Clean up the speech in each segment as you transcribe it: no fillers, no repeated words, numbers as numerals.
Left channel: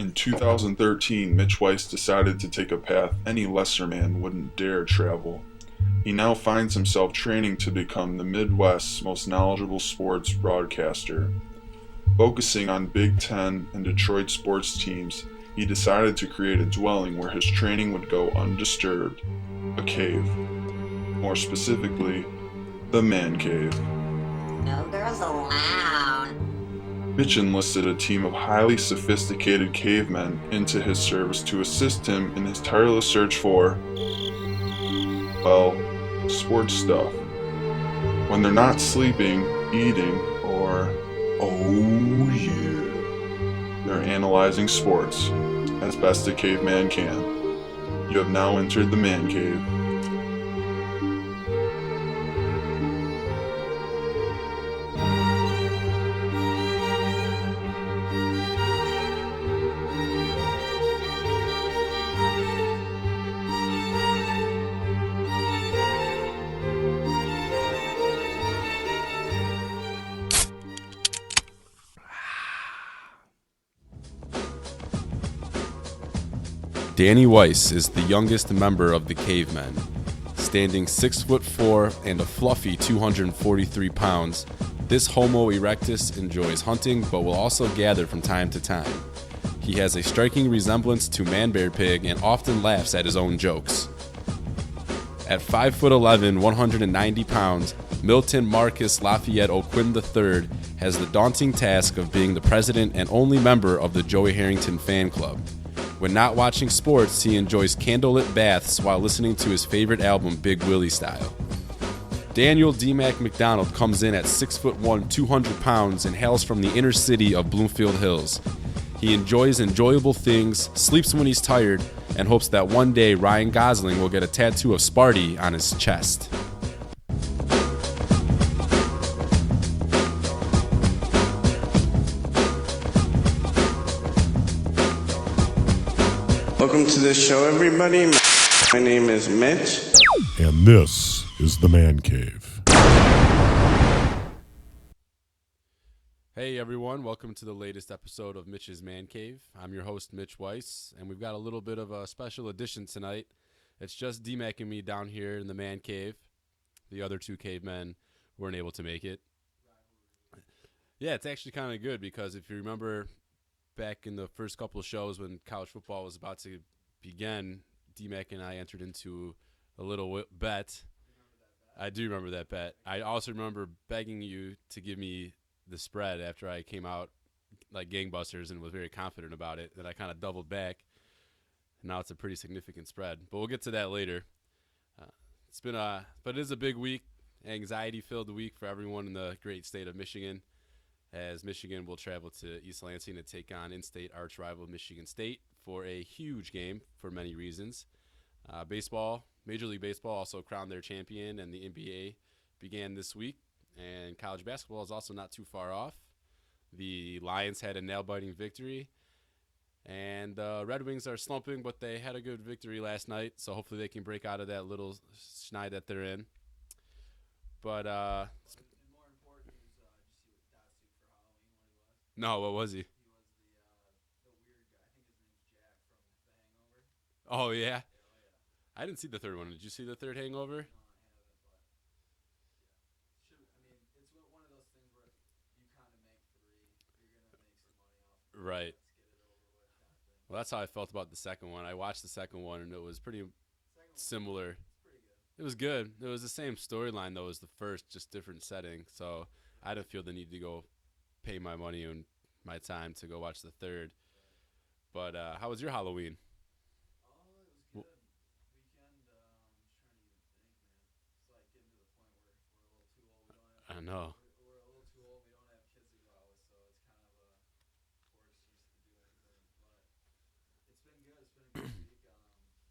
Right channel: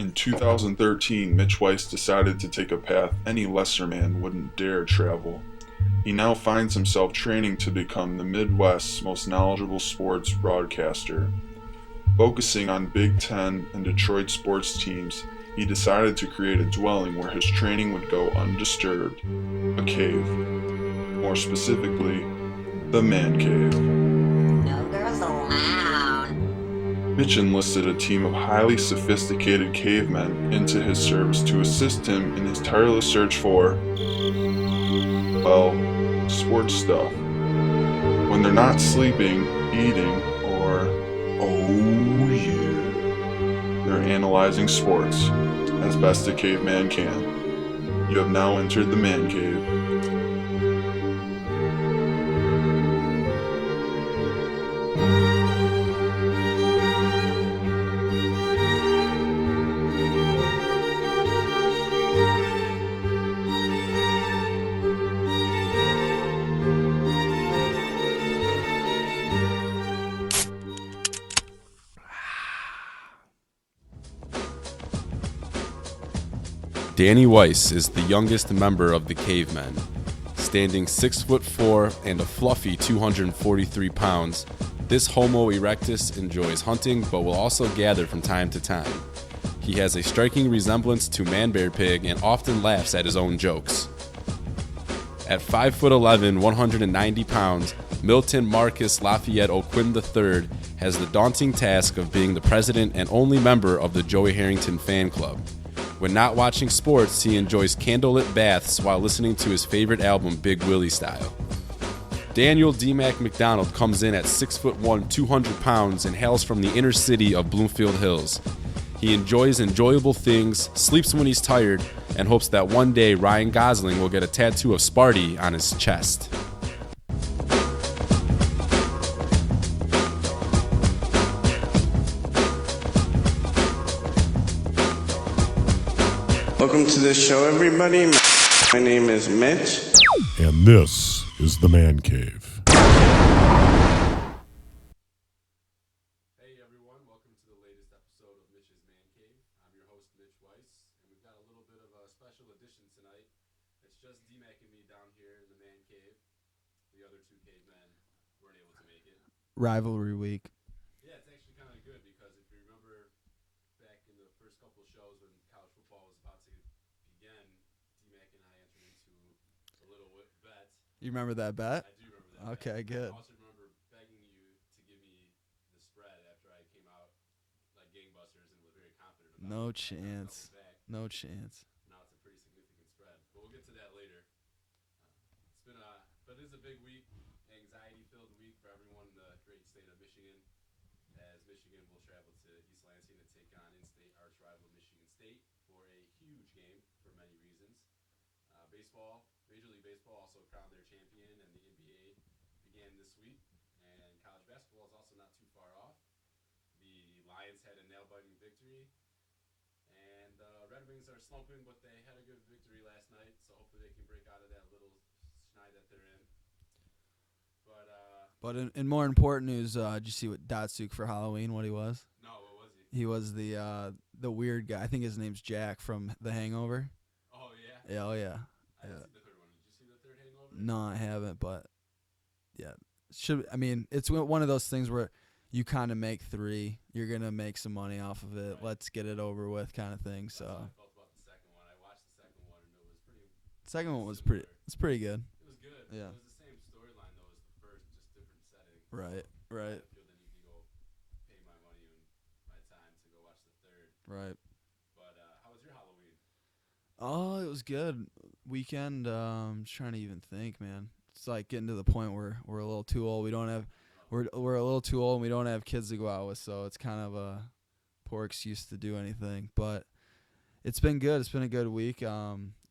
In 2013, Mitch Weiss decided to take a path any lesser man wouldn't dare travel. He now finds himself training to become the Midwest's most knowledgeable sports broadcaster. Focusing on Big Ten and Detroit sports teams, he decided to create a dwelling where his training would go undisturbed, a cave. More specifically, the man cave. No girls allowed. Mitch enlisted a team of highly sophisticated cavemen into his service to assist him in his tireless search for, well, sports stuff. When they're not sleeping, eating, or, oh yeah, they're analyzing sports as best a caveman can. You have now entered the man cave. Danny Weiss is the youngest member of the Cavemen. Standing 6'4" and a fluffy 243 pounds, this Homo erectus enjoys hunting but will also gather from time to time. He has a striking resemblance to Man Bear Pig and often laughs at his own jokes. At 5'11", 190 pounds, Milton Marcus Lafayette O'Quinn III has the daunting task of being the president and only member of the Joey Harrington fan club. When not watching sports, he enjoys candlelit baths while listening to his favorite album, Big Willie Style. Daniel D-Mac McDonald comes in at 6'1", 200 pounds and hails from the inner city of Bloomfield Hills. He enjoys enjoyable things, sleeps when he's tired, and hopes that one day Ryan Gosling will get a tattoo of Sparty on his chest. Welcome to the show, everybody. My name is Mitch. And this is the Man Cave. Hey everyone, welcome to the latest episode of Mitch's Man Cave. I'm your host, Mitch Weiss, and we've got a little bit of a special edition tonight. It's just D-Mac and me down here in the Man Cave. The other two cavemen weren't able to make it. Rivalry week. Yeah, it's actually kind of good because if you remember back in the first couple of shows when college football was about to begin, D-Mac and I entered into a little bet. You remember that bet? I do remember that bet. Okay, I good. also remember begging you to give me the spread after I came out like gangbusters and was very confident about No it. That I kind of chance. doubled back. No chance. Now it's a pretty significant spread, but we'll get to that later. It's been but it is a big week, anxiety-filled week for everyone in the great state of Michigan, as Michigan will travel to East Lansing to take on in-state arch rival Michigan State for a huge game for many reasons. Baseball, Major League Baseball also crowned their champion, and the NBA began this week, and college basketball is also not too far off. The Lions had a nail-biting victory, and Red Wings are slumping, but they had a good victory last night, so hopefully they can break out of that little schneid that they're in. But in more important news, did you see what Datsuk for Halloween, what he was? No, what was he? He was the weird guy. I think his name's Jack from The Hangover. Oh, yeah? Yeah, oh, yeah. I didn't see the third one. Did you see the third Hangover? No, I haven't, but yeah. It's one of those things where you kind of make three. You're going to make some money off of it. Right. Let's get it over with kind of thing. Well, that's how I felt about the second one. I watched the second one, and it was pretty Second one was similar. It's pretty good. It was good. Yeah. It was the same storyline, though, as the first, just different setting. So Right. I didn't feel the need to go pay my money and my time to go watch the third. Right. But how was your Halloween? Oh, it was good. Weekend, just trying to even think, man. It's like getting to the point where we're a little too old. We don't have I know. we're a little too old and we don't have kids to go out with, so it's kind of a poor excuse to do anything. But it's been good. It's been a good week.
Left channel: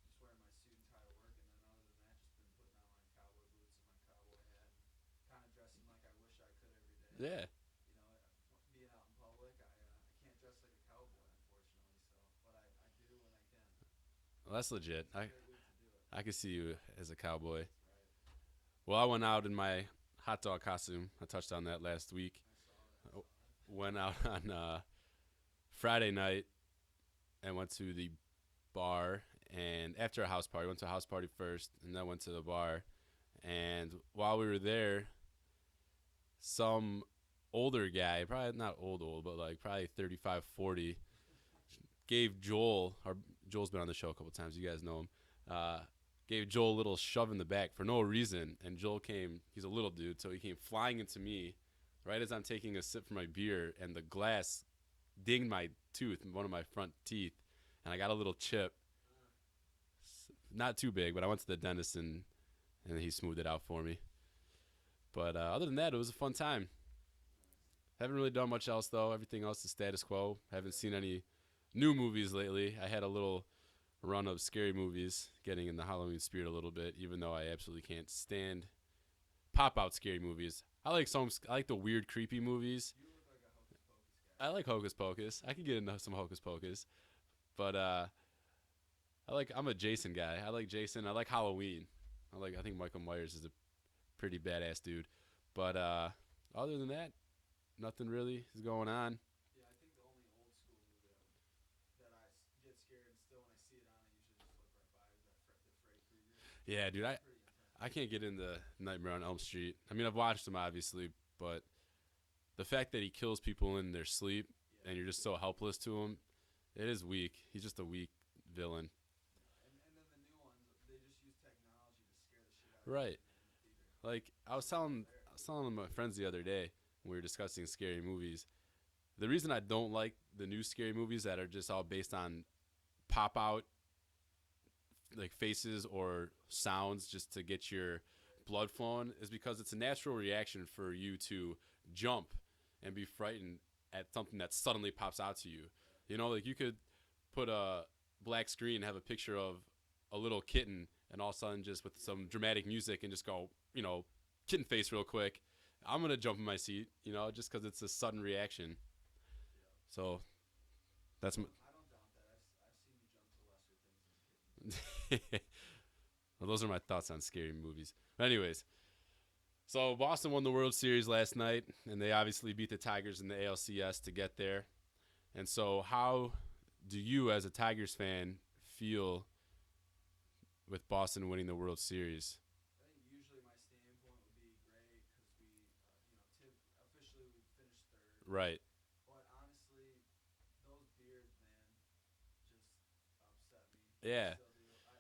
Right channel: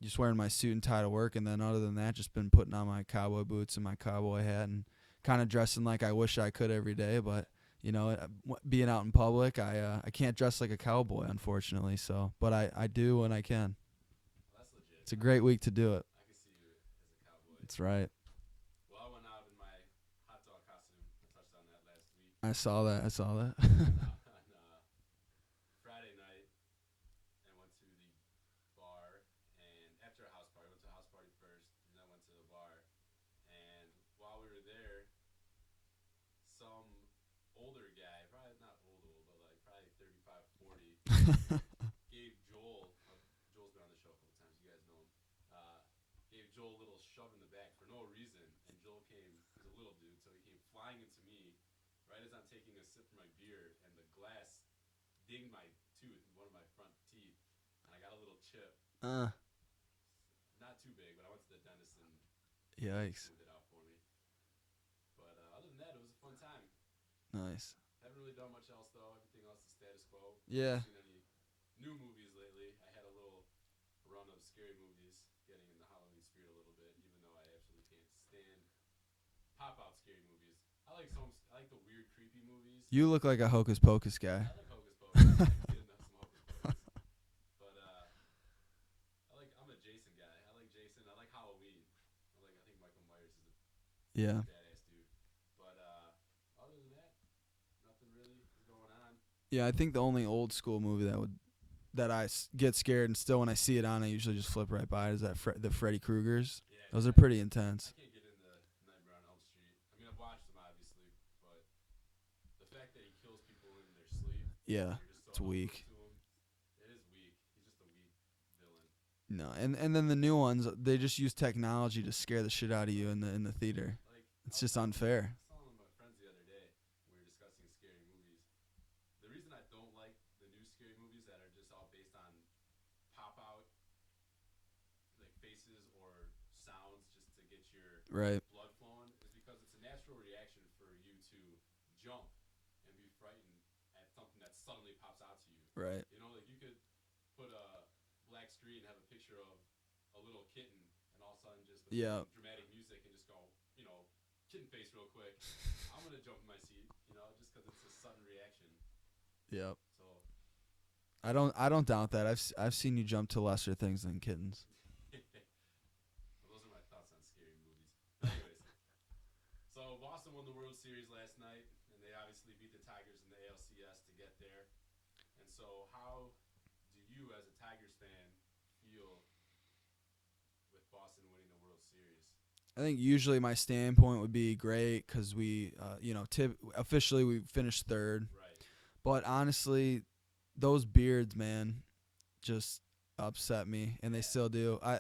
Just wearing my suit and tie to work, and then other than that, just been putting on my cowboy boots and my cowboy hat and kind of dressing like I wish I could every day. Yeah. But you know, being out in public, I can't dress like a cowboy, unfortunately. So, but I do when I can. Well, that's legit. It's a great week to do it. I could see you as a cowboy. That's right. Well, I went out in my hot dog costume. I touched on that last week. I saw that. Went out on Friday night and went to the bar. And after a house party, went to a house party first, and then went to the bar. And while we were there, some older guy, probably not old, but like probably 35, 40, gave Joel's been on the show a couple times. You guys know him. Gave Joel a little shove in the back for no reason. And Joel he's a little dude, so he came flying into me right as I'm taking a sip from my beer, and the glass dinged my tooth, one of my front teeth, and I got a little chip. Not too big, but I went to the dentist and he smoothed it out for me. But other than that, it was a fun time. Nice. Haven't really done much else, though. Everything else is status quo. Yeah. Haven't seen any new movies lately. I had a little run of scary movies, getting in the Halloween spirit a little bit, even though I absolutely can't stand pop-out scary movies. I like the weird, creepy movies. You look like a Hocus Pocus guy. I like Hocus Pocus. I can get into some Hocus Pocus. But I'm a Jason guy. I like Jason. I like Halloween. I think Michael Myers is a pretty badass dude. But other than that, nothing really is going on. Yeah, I think the only old school movie that I get scared, and still when I see it on, I usually just flip right by it, is that the Freddy Kruegers. Yeah, dude, those are pretty intense. I can't get into Nightmare on Elm Street. I mean, I've watched them obviously, but the fact that he kills people in their sleep, and you're just so helpless to him, it is weak. He's just a weak villain. No, and then the new ones, they just use technology to scare the shit out of you in the theater. Like, it's just unfair. I was telling my friends the other day when we were discussing scary movies. The reason I don't like the new scary movies that are just all based on pop out like faces or sounds just to get your blood flowing is because it's a natural reaction for you to jump and be frightened at something that suddenly pops out to you. Right. You know, like you could put a black screen and have a picture of a little kitten, and all of a sudden just with some dramatic music and just go, kitten face real quick. I'm going to jump in my seat, just because it's a sudden reaction. Yep. So I don't doubt that. I've seen you jump to lesser things than kittens. Well, those are my thoughts on scary movies. Anyways, so Boston won the World Series last night, and they obviously beat the Tigers in the ALCS to get there. And so how do you, as a Tigers fan, feel with Boston winning the World Series? I think usually my standpoint would be great because we, officially we finished third. Right. But honestly, those beards, man, just upset me, and they still do. I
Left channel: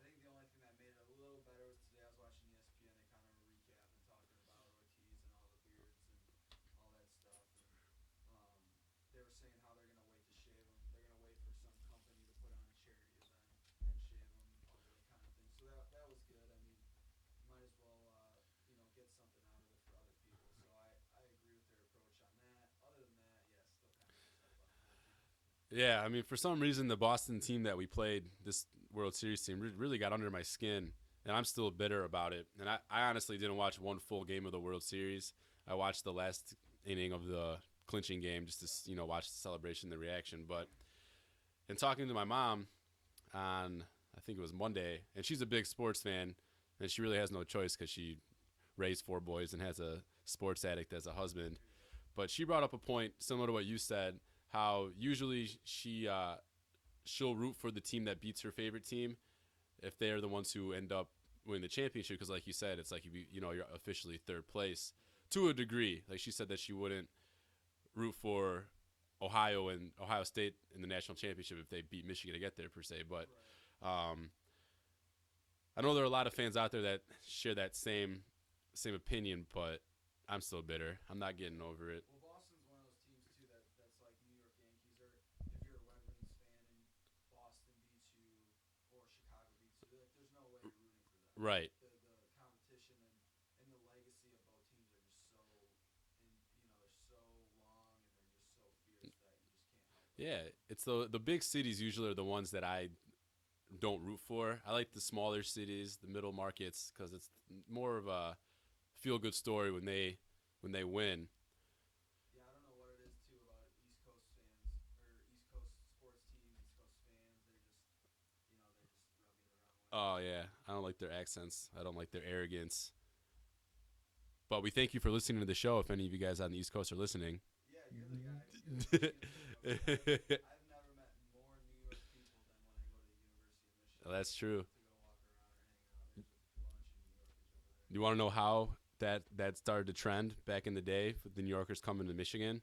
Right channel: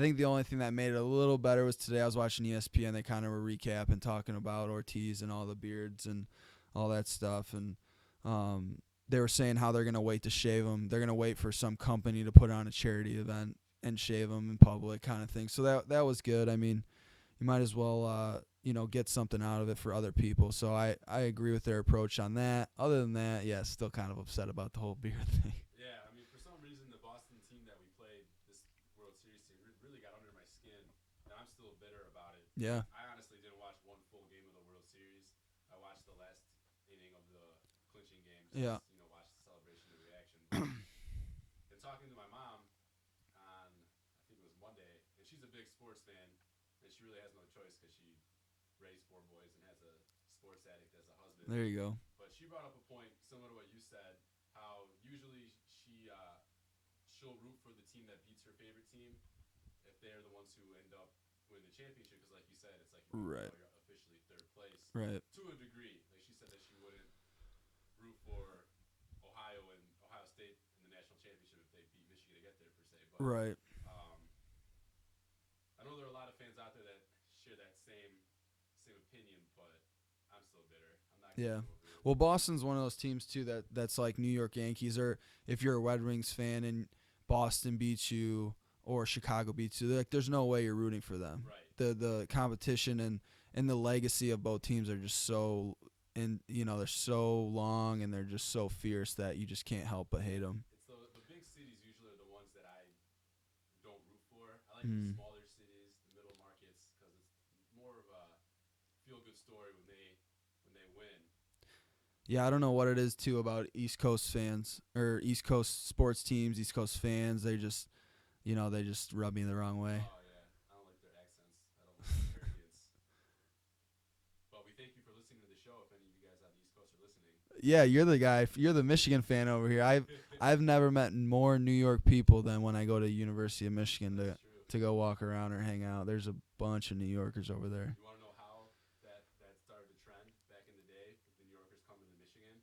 think the only thing that made it a little better was today I was watching ESPN. They kind of were recapping, talking about Ortiz and all the beards and all that stuff, and they were saying how they're going to wait to shave them. They're going to wait for some company to put on a charity event and shave them in public kind of thing. So that was good. I mean, you might as well, get something out of it for other people. So I agree with their approach on that. Other than that, still kind of upset about the whole beard thing. Yeah, I mean, for some reason, the Boston team that we played, this World Series team, really got under my skin, and I'm still bitter about it. Yeah. I honestly didn't watch one full game of the World Series. I watched the last inning of the clinching game just to, watch the celebration, the reaction. But in talking to my mom on, I think it was Monday, and she's a big sports fan, and she really has no choice because she raised 4 boys and has a sports addict as a husband. There you go. But she brought up a point similar to what you said, how usually she'll root for the team that beats her favorite team if they're the ones who end up winning the championship, because like you said, it's like you're officially third place. Right. To a degree. Like she said that she wouldn't root for Ohio and Ohio State in the national championship if they beat Michigan to get there per se. But right. I know there are a lot of fans out there that share that same opinion, but I'm still bitter. I'm not getting over it. Well, Boston's one of those teams too that's like New York Yankees, or if you're a Red Wings fan and Boston beats you or Chicago beats you, there's no way you're rooting for them. Right. The competition and the legacy of both teams are just so, and they're so long and they're just so fierce that you just can't help but hate them. It's the big cities usually are the ones that I don't root for. I like the smaller cities, the middle markets, because it's more of a feel-good story when they win. Yeah, I don't know what it is too about East Coast fans or East Coast sports teams, East Coast fans. They just, they just rub me the wrong way. Oh yeah, I don't like their accents. I don't like their arrogance. But we thank you for listening to the show. If any of you guys on the East Coast are listening, Yeah, you're the guy. You're the Michigan fan over here. I've never met more New York people than when I go to University of Michigan. That's true. To go walk around or hang out. There's a bunch of New Yorkers over there. You want to know how that started to trend back in the day with the New Yorkers coming to Michigan?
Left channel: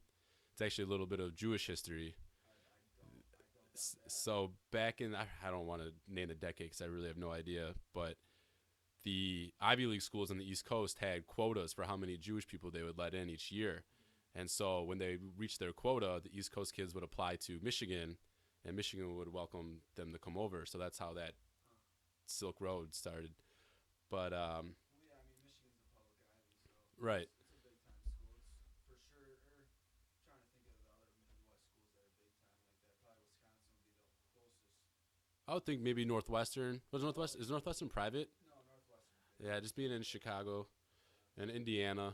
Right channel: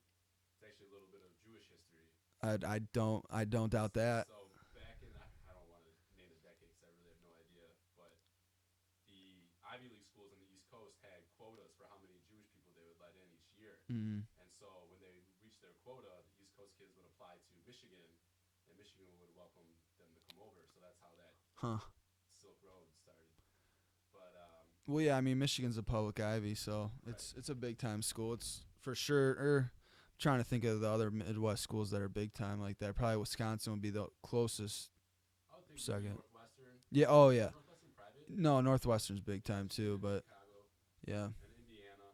It's actually a little bit of Jewish history. I don't doubt that. So back in, I don't want to name the decade because I really have no idea, but the Ivy League schools on the East Coast had quotas for how many Jewish people they would let in each year. And so when they reached their quota, the East Coast kids would apply to Michigan, and Michigan would welcome them to come over. So that's how that Silk Road started. But well, yeah, I mean, Michigan's a public Ivy, so right. it's a big time school. It's for sure. Trying to think of the other Midwest schools that are big time like that. Probably Wisconsin would be the closest. I would think maybe Second. Northwestern. Yeah. Is Northwestern private? No, Northwestern's big Yeah, time just too. in But Chicago yeah, and Indiana.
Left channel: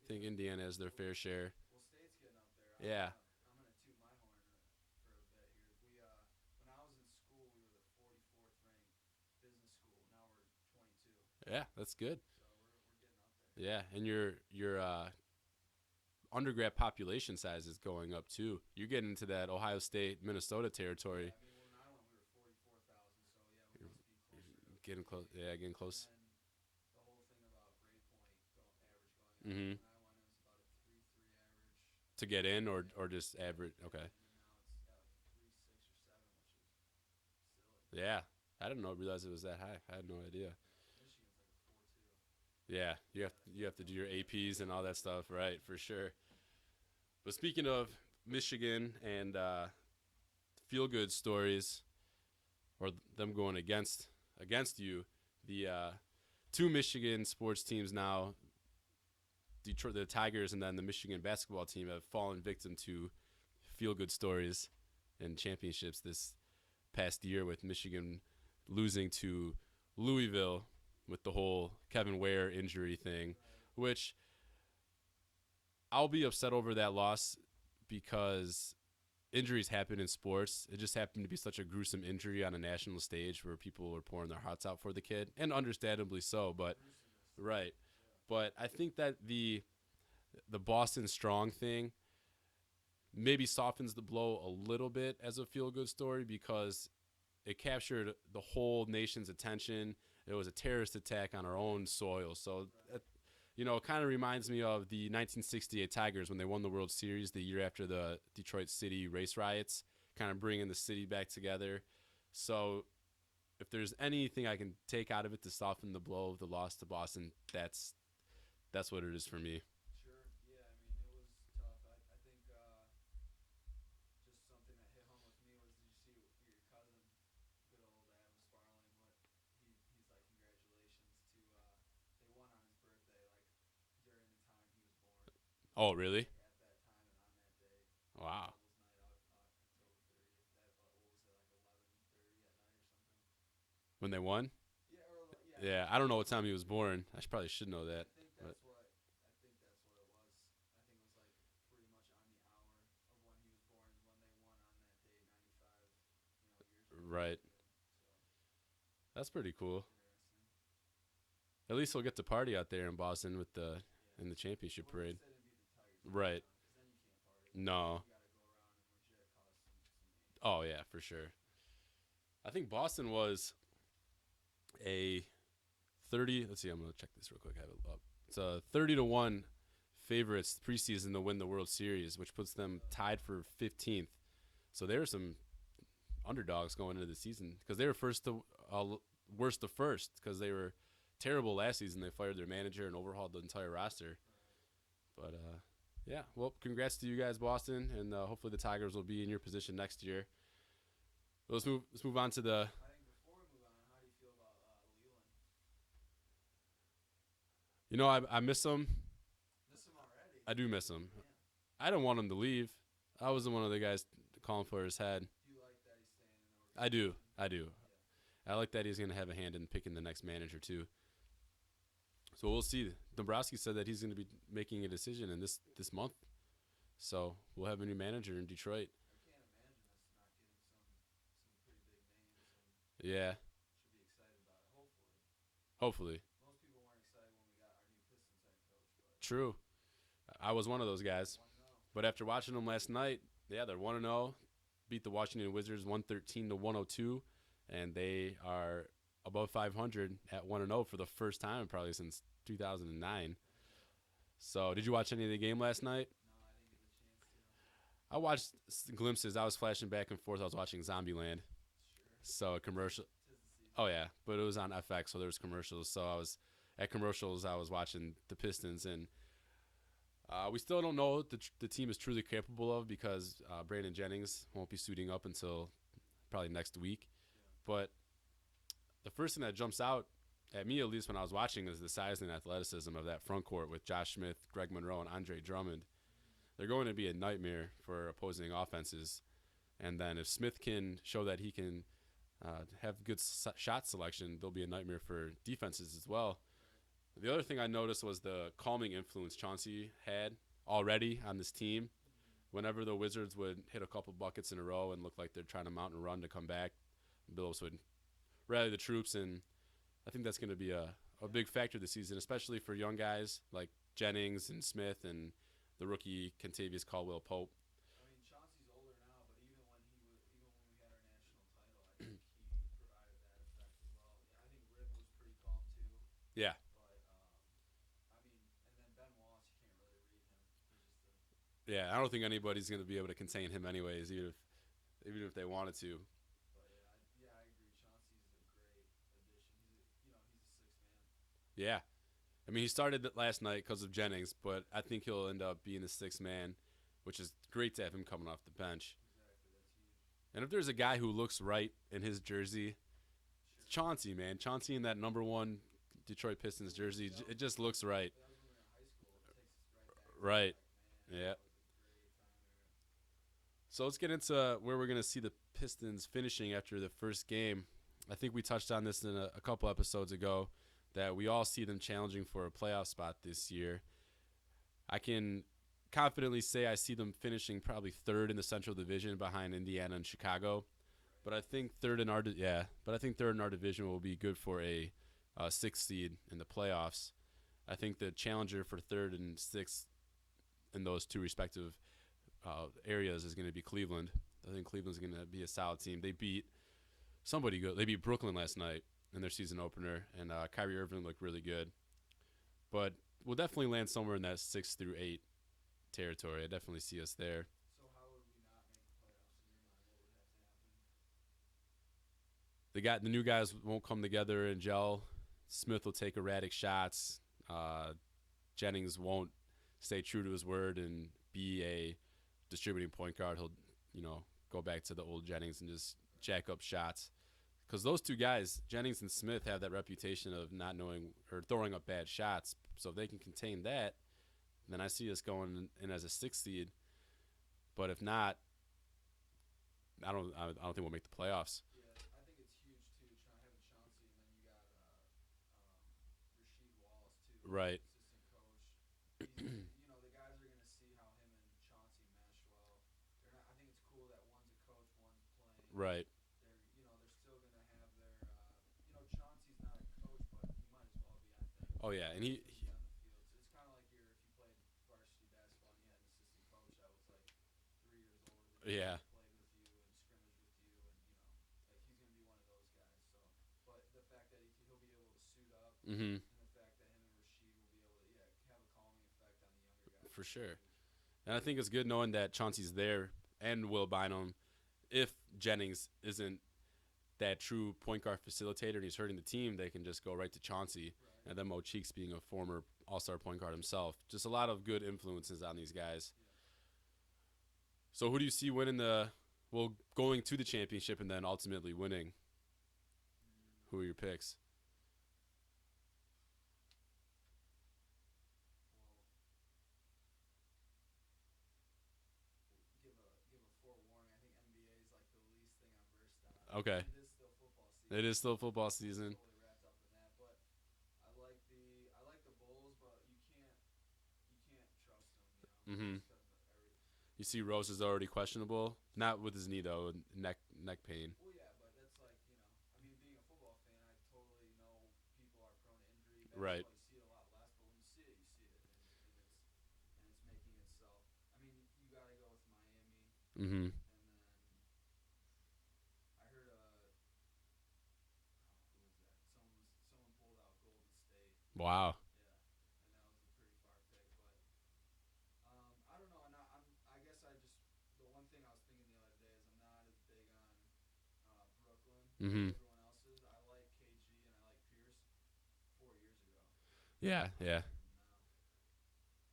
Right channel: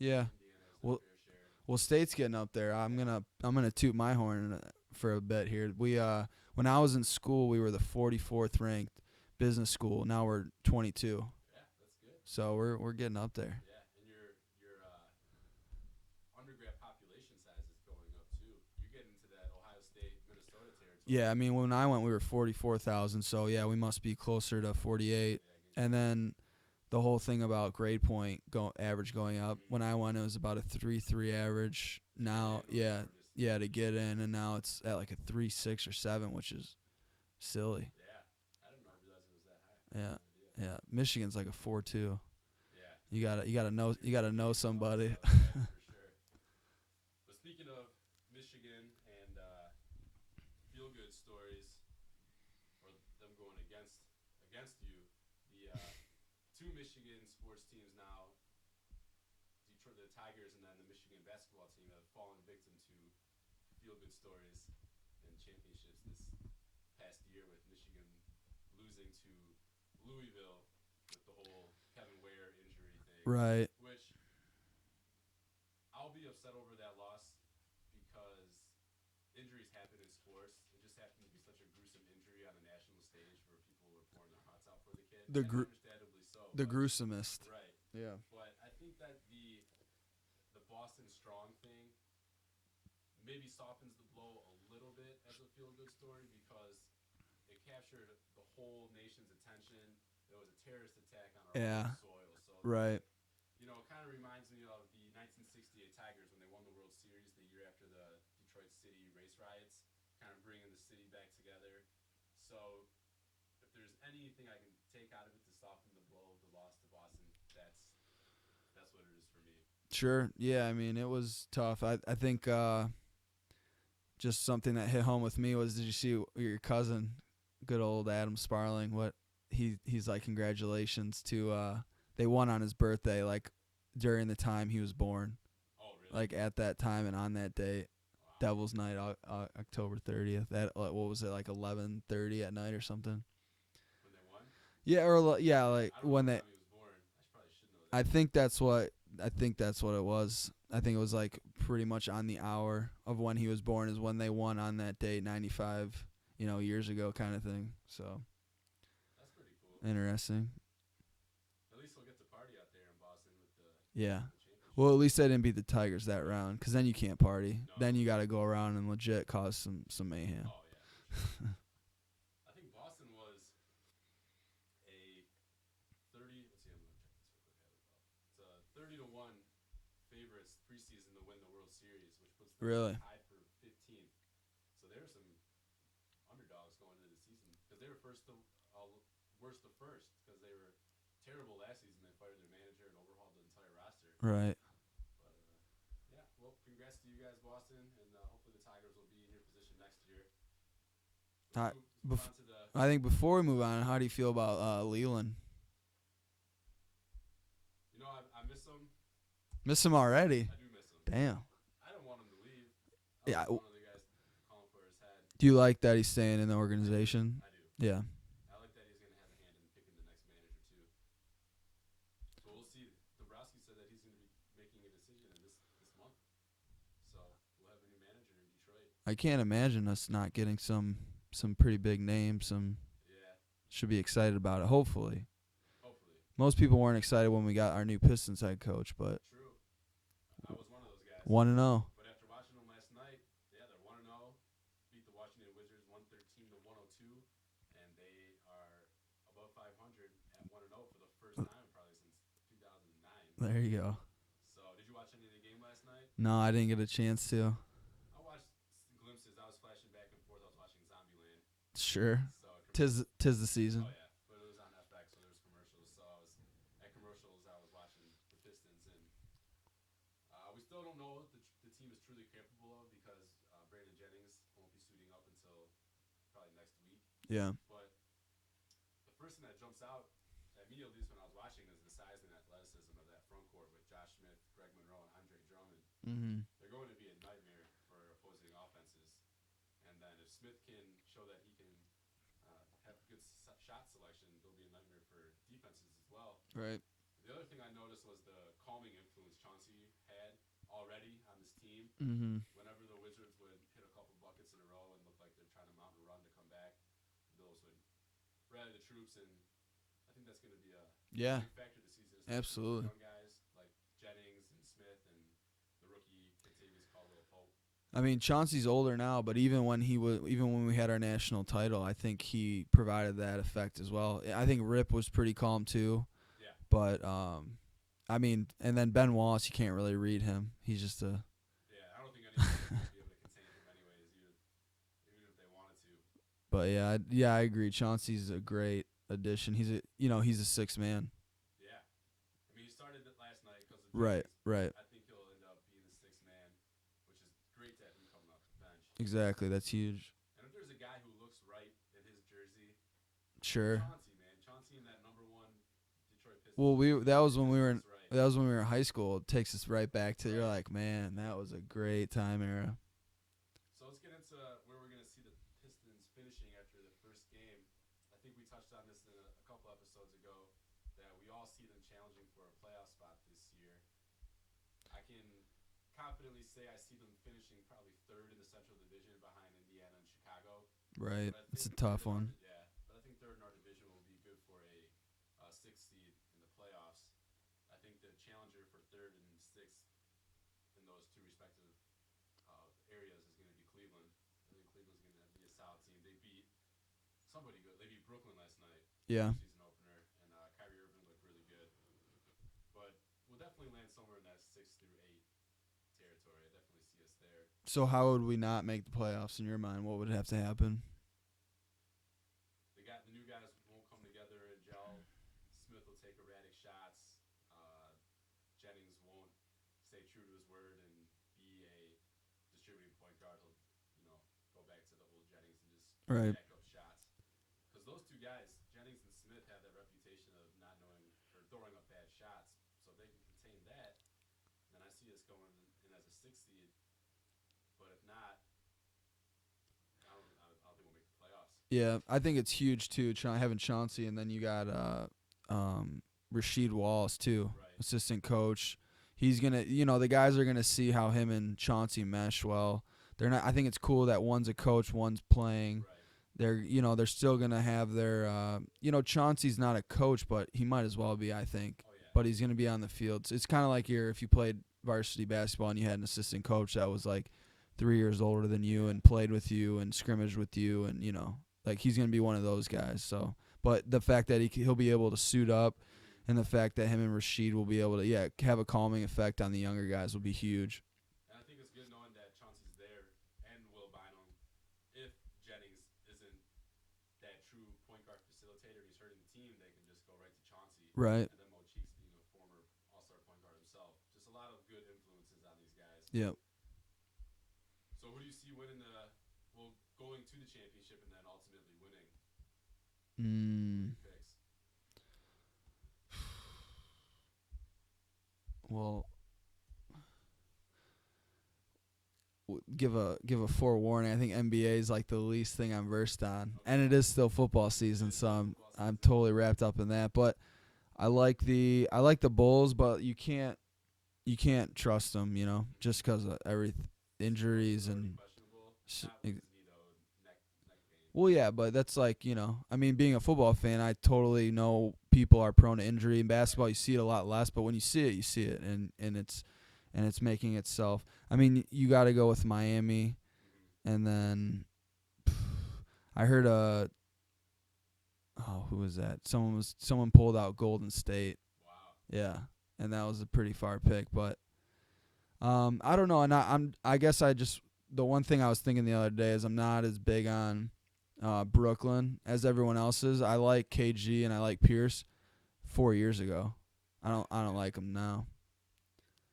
yeah. Indiana has their fair share. Well, State's getting up there. I'm gonna toot my horn for a bit here. We when I was in school, we were the 44th ranked business school. Now we're 22. Yeah, that's good. So we're getting up there. Yeah, and your undergrad population size is going up too. You're getting into that Ohio State, Minnesota territory. Yeah, I mean when I went, we were 44,000. So yeah, we must be closer to 48. Yeah, and then the whole thing about grade point average going up. When I went, it was about a 3.3 average. To now, get in, or just average? To get in, and now it's at like a 3.6 or 7, which is silly. Yeah, I didn't realize it was that high. I had no idea. Yeah, Michigan's like a 4.2. Yeah, you gotta know somebody, stuff, right? For sure. But speaking of Michigan and feel good stories, or them going against you, the two Michigan sports teams now, Detroit, the Tigers, and then the Michigan basketball team have fallen victim to feel good stories and championships this past year, with Michigan losing to Louisville with the whole Kevin Ware injury thing. Right. Which I'll be upset over that loss because injuries happen in sports. It just happened to be such a gruesome injury on a national stage where people were pouring their hearts out for the kid, and understandably so. The gruesomest. Right. Yeah. But I think that the Boston Strong thing maybe softens the blow a little bit as a feel-good story because it captured the whole nation's attention. It was a terrorist attack on our own soil. So, right. You know, it kind of reminds me of the 1968 Tigers when they won the World Series the year after the Detroit City race riots, kind of bringing the city back together. So if there's anything I can take out of it to soften the blow of the loss to Boston, that's what it is for me. Sure. Yeah, I mean, it was tough. I think just something that hit home with me was, did you see your cousin, good old Adam Sparling, what he's like, congratulations to they won on his birthday, like during the time he was born. Oh, really? Like at that time and on that date. Wow. Devil's Night, October 30th. That what was it, like 11:30 at night or something? When they won? Yeah, or yeah. Like I don't know what time he was born. I probably should know that. I think that's what it was. I think it was like pretty much on the hour of when he was born is when they won on that date, 95, years ago, kind of thing. So that's pretty cool. Interesting. At least he'll get to party out there in Boston with in the championship. Well, at least they didn't beat the Tigers that round, because then you can't party. No. Then you got to go around and legit cause some mayhem. Oh yeah, for sure. I think Boston was a 30. Let's see. I'm gonna check this real quick. I have it up. It's a 30-1 favorites preseason to win the World Series, which puts them tied for 15th. So there were some underdogs going into the season because they were worst to first because they were terrible last season. They fired their manager and overhauled the entire roster. Right. But yeah. Well, congrats to you guys, Boston, and hopefully the Tigers will be in your position next year. Let's move on to the. I think before we move on, how do you feel about Leland? I miss him. Miss him already? I do miss him. Damn. I don't want him to leave. I wasn't one of the guys calling for his head. Do you like that he's staying in the organization? I do. Yeah. I like that he's going to have a hand in picking the next manager, too. So we'll see. Dombrowski said that he's going to be making a decision in this month. So we'll have a new manager in Detroit. I can't imagine us not getting some pretty big names. Yeah. Should be excited about it, hopefully. Hopefully. Most people weren't excited when we got our new Pistons head coach, but True. I was one of those guys. 1-0. But after watching them last night, yeah, they're 1-0. Beat the Washington Wizards 113-102, and they are above 500 at 1-0 for the first time probably since 2009. There you go. So, did you watch any of the game last night? No, I didn't get a chance to. I watched glimpses. I was flashing back and forth. I was watching Zombieland. Sure. So, commercial. Tis the season. Oh, yeah. But it was on FX, so there was commercials. So, I was at commercials. I was watching the Pistons, and we still don't know what the team is truly capable of because Brandon Jennings won't be suiting up until probably next week. Yeah. But the first thing that jumps out at me, at least when I was watching, is the size and athleticism of that front court with Josh Smith, Greg Monroe, and Andre Drummond. Mm-hmm. They're going to be a nightmare for opposing offenses. And then if Smith can show that he can have good shot selection, they'll be a nightmare for defenses as well. Right. The other thing I noticed was the calming influence Chauncey had already on this team. Mm-hmm. Whenever the Wizards would hit a couple buckets in a row and look like they're trying to mount a run to come back, Billups would rally the troops, and I think that's going to be a big factor this season, especially for young guys like Jennings and Smith and the rookie Kentavious Caldwell-Pope. I mean, Chauncey's older now, but even when we had our national title, I think he provided that effect as well. I think Rip was pretty calm too. Yeah. But I mean, and then Ben Wallace, you can't really read him. He's just a. Yeah, I don't think anybody's going to be able to contain him anyways, even if they wanted to. But yeah, I agree. Chauncey's a great addition. He's a sixth man. Yeah. I mean, he started last night because of Jennings, but right. I think he'll end up being the sixth man, which is great to have him coming off the bench. Exactly, that's huge. And if there's a guy who looks right in his jersey, sure, Chauncey, man, Chauncey in that number 1 Detroit Pistons well, jersey. that was when we were right. That was when we were in high school. It takes us right back to right. like, man, yeah. That was a great time era. So let's get into where we're going to see the Pistons finishing after the first game. I think we touched on this in a couple episodes ago, that we all see them challenging for a playoff spot this year. I can confidently say I see them finishing probably third in the Central Division behind Indiana and Chicago. Right. But I think third in our division will be good for a 6th seed in the playoffs. I think the challenger for 3rd and 6th in those two respective areas is going to be Cleveland. I think Cleveland's going to be a solid team. They beat somebody good. They beat Brooklyn last night in their season opener, and Kyrie Irving looked really good. But we'll definitely land somewhere in that 6 through 8 territory. I definitely see us there. So how would we not make the playoffs in your mind? What would have to happen? The new guys won't come together and gel. Smith will take erratic shots. Jennings won't stay true to his word and be a distributing point guard. He'll, go back to the old Jennings and just jack up shots. Because those two guys, Jennings and Smith, have that reputation of not knowing or throwing up bad shots. So if they can contain that, then I see us going in as a 6th seed. But if not, I don't think we'll make the playoffs. Yeah, I think it's huge too. Having Chauncey, and then you got Rasheed Wallace too, right? Assistant coach. He's gonna, the guys are gonna see how him and Chauncey mesh well. They're not. I think it's cool that one's a coach, one's playing. Right. They're still gonna have their. Chauncey's not a coach, but he might as well be. I think. Oh yeah. But he's gonna be on the field. So it's kind of like if you played varsity basketball and you had an assistant coach that was like 3 years older than you and played with you and scrimmaged with you, and like he's gonna be one of those guys. So, but the fact that he'll be able to suit up, and the fact that him and Rasheed will be able to have a calming effect on the younger guys will be huge. And I think it's good knowing that Chauncey's there and Will Bynum. If Jennings isn't that true point guard facilitator and he's hurting the team, they can just go right to Chauncey. Right. And then Mo Cheeks being a former all-star point guard himself. Just a lot of good influences on these guys. Yep. So who do you see winning going to the championship and then ultimately winning? Who are your picks? Well, give a forewarning. I think NBA is like the least thing I'm versed on, and it is still football season. I'm totally wrapped up in that. But I like the Bulls, but you can't trust them, just because of everything. Injuries. Rose is already questionable. Not with his knee though. neck pain. Well, yeah, but that's like, I mean, being a football fan, I totally know people are prone to injury. In basketball, Right. you see it a lot less, but when you see it, and it's making itself. I mean, you got to go with Miami, and then I heard who was that? Someone pulled out Golden State. Wow. Yeah, and that was a pretty far pick, but I don't know, and I guess the one thing I was thinking the other day is I'm not as big on Brooklyn as everyone else is. I like KG and I like Pierce 4 years ago. Yeah, I don't like them now.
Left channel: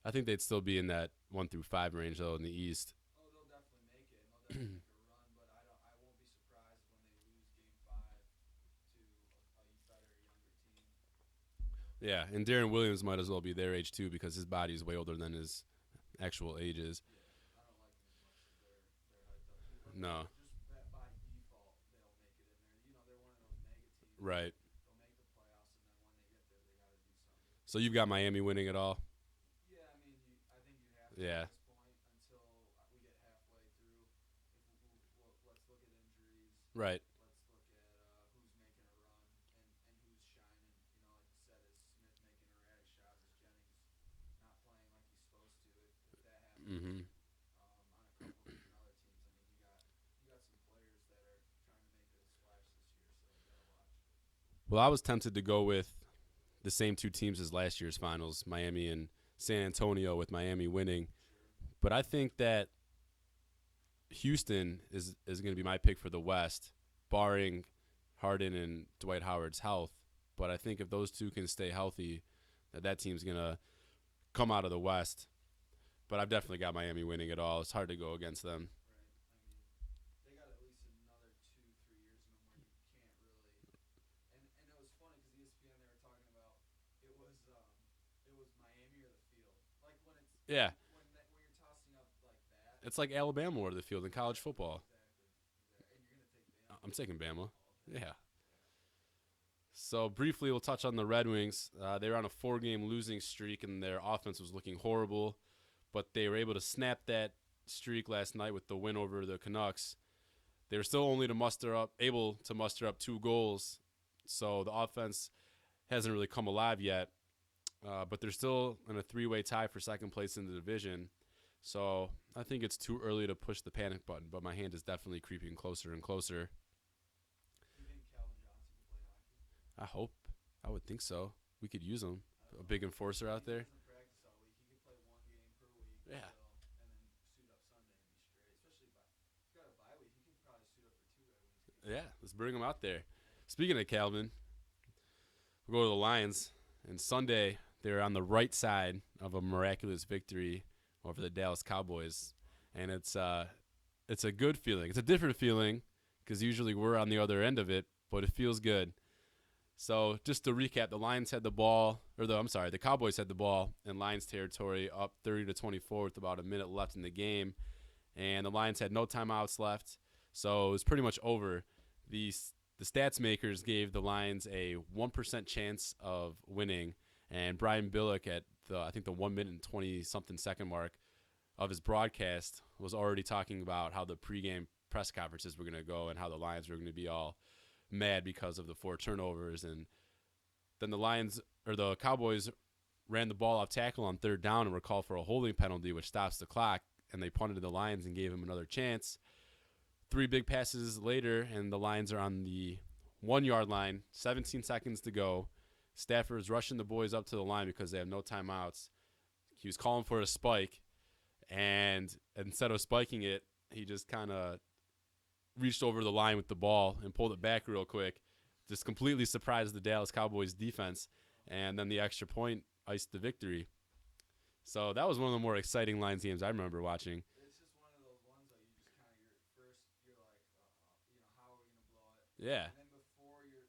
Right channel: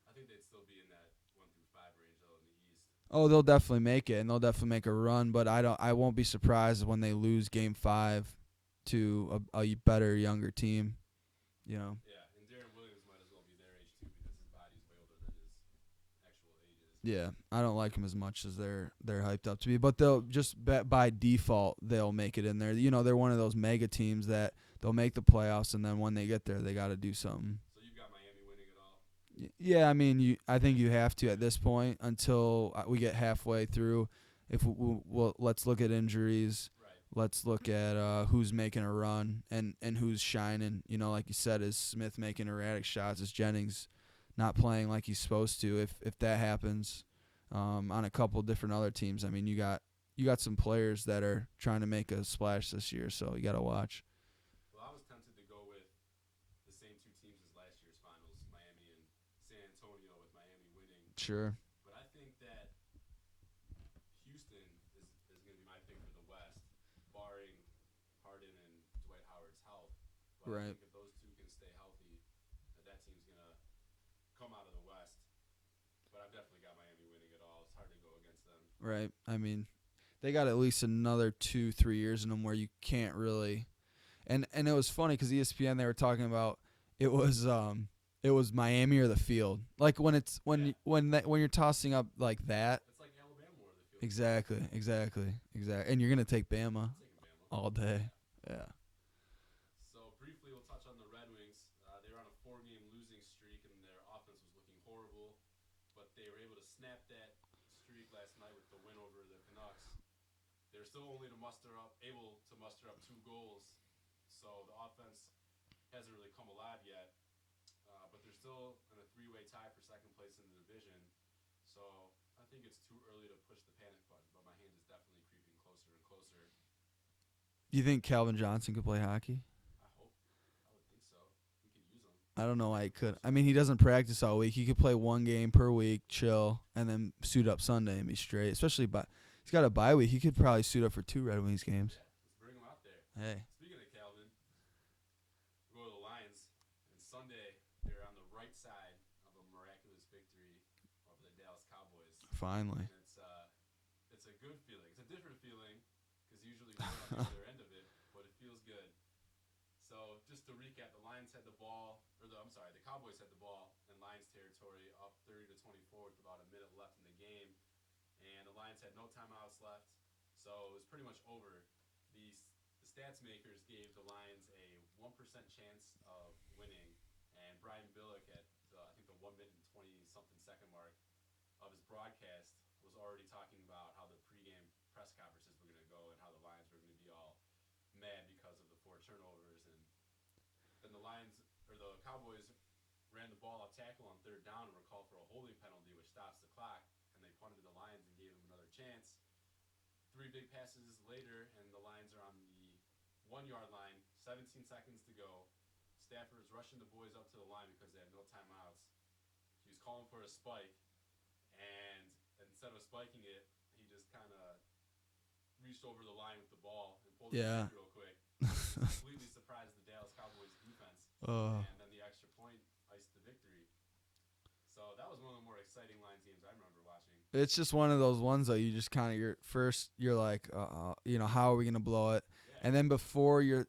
I think they'd still be in that 1 through 5 range though in the East. Oh, they'll definitely make it, and they'll definitely make a run. But I won't be surprised when they lose Game 5 to a better, younger team. Yeah, and Darren Williams might as well be their age too because his body is way older than his actual age is. Yeah, I don't like them as much as they're hyped up to be. But they'll just by default they'll make it in there. They're one of those mega teams that they'll make the playoffs, and then when they get there, they got to do something. So you've got Miami winning it all. Yeah, I mean, I think you have to at this point until we get halfway through. If let's look at injuries. Right. Let's look at who's making a run and who's shining. Like you said, is Smith making erratic shots? Is Jennings not playing like he's supposed to? If that happens, on a couple different other teams, I mean, you got some players that are trying to make a splash this year, so you got to watch. Well, I was tempted to go with the same two teams as last year's finals, Miami and San Antonio, with Miami winning. Sure. But I think that Houston is going to be my pick for the West, barring Harden and Dwight Howard's health. But I think if those two can stay healthy, that team's going to come out of the West. But I've definitely got Miami winning it all. It's hard to go against them. Right. I mean, they got at least another 2-3 years in them where you can't really. And it was funny because ESPN, they were talking about it was Miami or the field. Like when you're tossing up like that. It's like Alabama or the field in Exactly. college football. Exactly. And you're gonna take Bama. I'm taking Bama all day. Yeah. So briefly, we'll touch on the Red Wings. They were on a 4-game losing streak, and their offense was looking horrible. But they were able to snap that streak last night with the win over the Canucks. They were still only able to muster up 2 goals. So the offense hasn't really come alive yet. But they're still in a 3-way tie for second place in the division. So I think it's too early to push the panic button, but my hand is definitely creeping closer and closer. Do you think Calvin Johnson could play hockey? I hope. I would think so. We could use him. I don't know. Big I could. enforcer I out mean, he there. doesn't practice all week. He could play 1 game per week, chill, and then suit up Sunday and be straight. Especially he's got a bye week. He could probably suit up for 2 Red Wings games. Yeah, let's bring him out there. Hey. Speaking of Calvin, we'll go to the Lions. And Sunday, they're on the right side of a miraculous victory over the Dallas Cowboys. Finally. And it's a good feeling. It's a different feeling because usually we're on the other end of it, but it feels good. So just to recap, the Cowboys had the ball in Lions territory, up 30-24 with about a minute left in the game, and the Lions had no timeouts left, so it was pretty much over. The stats makers gave the Lions a 1% chance of winning, and Brian Billick at the 1 minute and 20-something second mark of his broadcast was already talking about how the pregame press conferences were going to go and how the Lions were going to be all mad because of the 4 turnovers. And then the Cowboys ran the ball off tackle on 3rd down and were called for a holding penalty, which stops the clock, and they punted the Lions and gave him another chance. 3 big passes later, and the Lions are on the 1-yard line, 17 seconds to go. Stafford's rushing the boys up to the line because they have no timeouts. He was calling for a spike, and instead of spiking it, he just kind of reached over the line with the ball and pulled it back real quick. Just completely surprised the Dallas Cowboys defense. And then the extra point iced the victory. So that was one of the more exciting Lions games I remember watching. It's just one of those ones that you just kind of you're like, how are we gonna blow it? Yeah. And then before you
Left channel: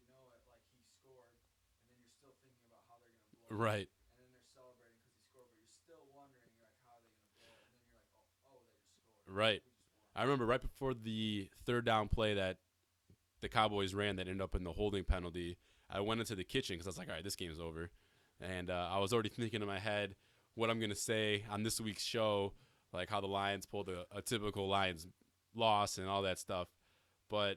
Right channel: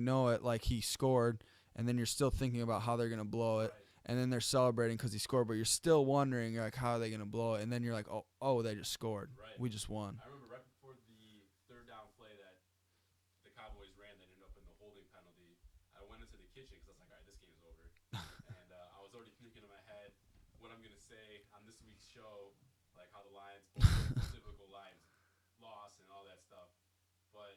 know it, like he scored, and then you're still thinking about how they're gonna blow it. Right. And then they're celebrating because he scored, but you're still wondering like how are they gonna blow it? And then you're like, oh, they just scored. Right. We just won. I remember right before the 3rd down play that the Cowboys ran that ended up in the holding penalty, I went into the kitchen because I was like, all right, this game's over. And I was already thinking in my head what I'm going to say on this week's show, like how the Lions pulled a typical Lions loss and all that stuff. But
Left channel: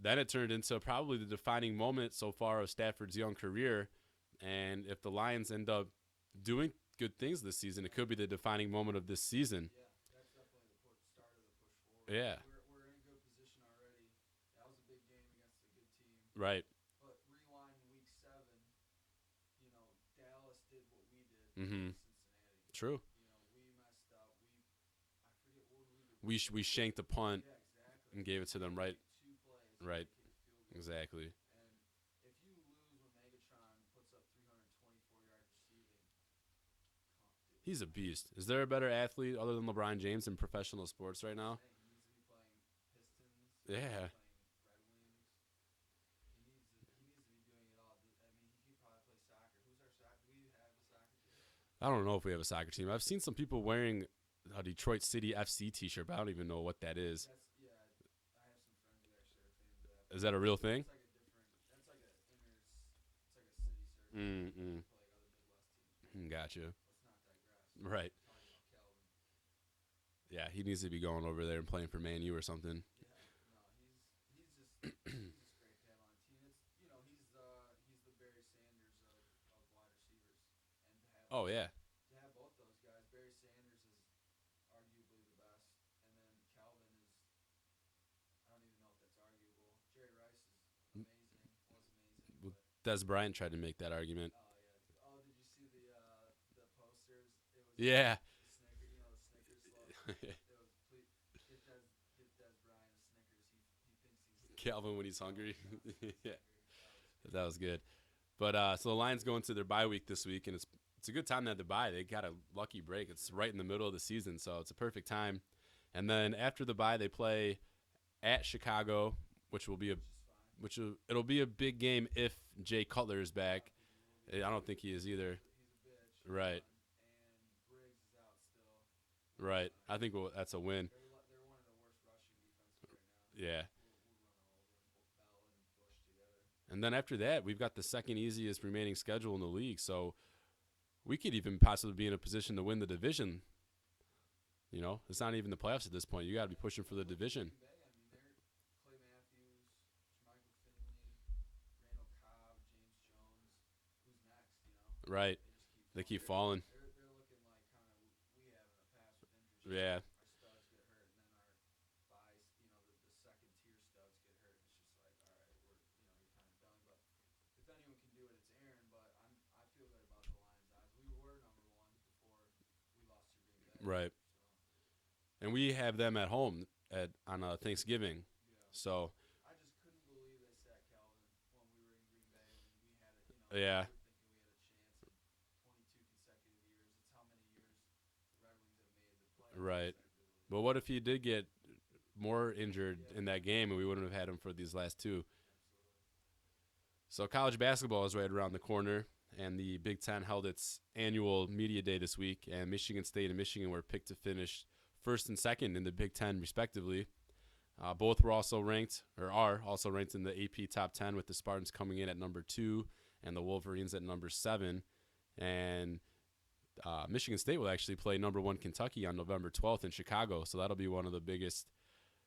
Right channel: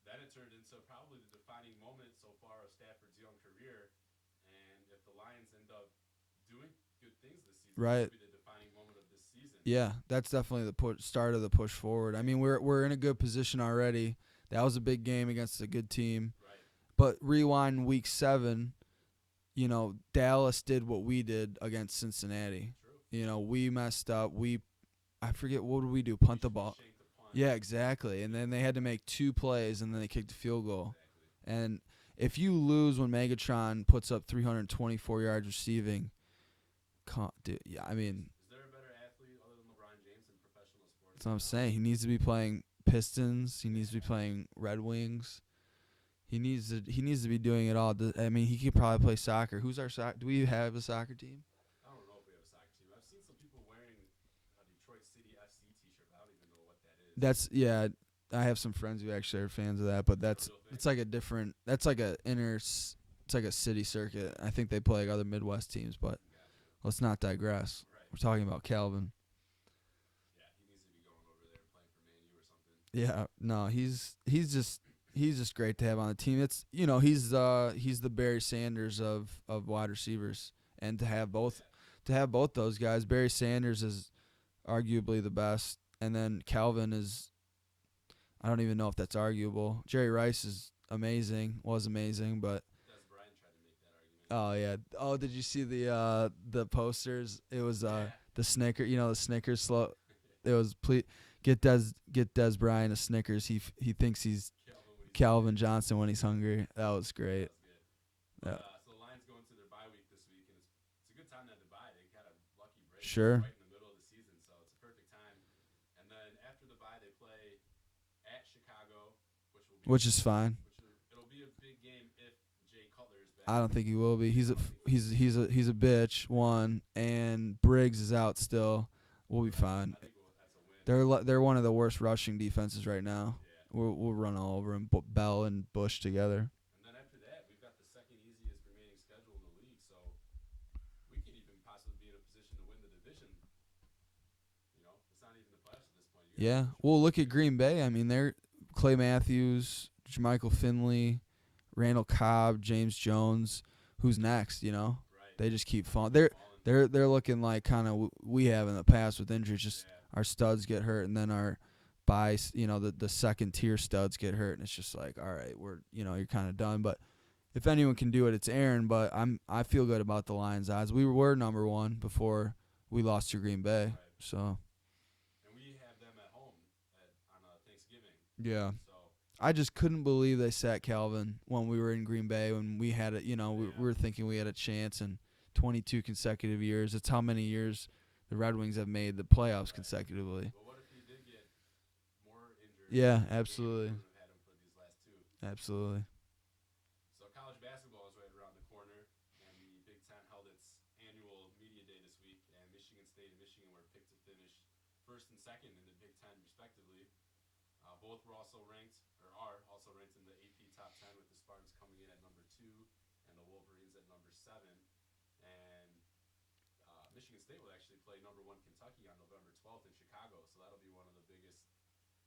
then it turned into probably the defining moment so far of Stafford's young career. And if the Lions end up doing good things this season, it could be the defining moment of this season. Yeah, that's definitely the start of the push forward. Yeah. I mean, we're in a good position already. That was a big game against a good team. Right. But rewind week 7, you know, Dallas did what we did against Cincinnati. True. You know, we messed up. I forget, what did we do? We shanked the punt. Yeah, exactly. And then they had to make 2 plays, and then they kicked a field goal. Exactly. And if you lose when Megatron puts up 324 yards receiving, dude, I mean, is there a better athlete other than LeBron James in professional sports that's right what now? I'm saying. He needs to be playing Pistons. He needs to be playing Red Wings. He needs to be doing it all. I mean, he could probably play soccer. Who's our soccer? Do we have a soccer team? I don't know if we have a soccer team. I've seen some people wearing a Detroit City FC T-shirt, but I don't even know what that is. I have some friends who actually are fans of that. But is that a real thing? It's like a different. That's like a It's like a city circuit. I think they play like other Midwest teams, but gotcha. Let's not digress. Right. We're talking about Calvin. Yeah, he needs to be going over there and playing for Man U or something. Yeah, no, he's just great to have on the team. It's he's the Barry Sanders of wide receivers, and to have both those guys. Barry Sanders is arguably the best, and then Calvin is. I don't even know if that's arguable. Jerry Rice is was amazing, but Des Bryant tried to make that argument. Oh yeah. Oh, did you see the posters? It was the Snicker. You know, the Snickers slow. It was please get Des Bryant a Snickers. He thinks he's Calvin hungry. Johnson when he's hungry. That was great. That was good. But so the Lions go into their bye week this week, and it's a good time to have the bye. They got a lucky break. Sure. It's right in the middle of the season, so it's a perfect time. And then after the bye, they play at Chicago, which is fine. It'll be a big game if Jay Cutler is back. I don't think he will be. I don't think he's a bitch. Right. One, and Briggs is out still. We'll be fine. I think that's a win. They're one of the worst rushing defenses right now. Yeah. We'll run all over them. Bell and Bush together. And then after that, we've got the second easiest remaining schedule in the league, so we could even possibly be in a position to win the division. You know, it's not even the playoffs at this point. You got to push it. Well, look at Green Bay. I mean, they're Clay Matthews, Jermichael Finley, Randall Cobb, James Jones. Who's next? You know, right? They just keep falling. They're They're looking like kind of we have in the past with injuries. Just our studs get hurt, and then our the second tier studs get hurt, and it's just like, all right, you're kind of done. But if anyone can do it, it's Aaron. But I feel good about the Lions' odds. We were number one before we lost to Green Bay. Right. So. And we have them at home on Thanksgiving. Yeah. So I just couldn't believe they sat Calvin when we were in Green Bay, when we had it. We were thinking we had a chance in 22 consecutive years. It's how many years the Red Wings have made the playoffs consecutively. But what if he did get more injured in that game? We wouldn't have had him for these last two. Absolutely. So college basketball is right around the corner, and the Big Ten held its annual media day this week, and Michigan State and Michigan were picked to finish first and second in the Big Ten, respectively. Both are also ranked in the AP Top 10, with the Spartans coming in at number 2 and the Wolverines at number 7. And Michigan State will actually play number 1 Kentucky on November 12th in Chicago, so that'll be one of the biggest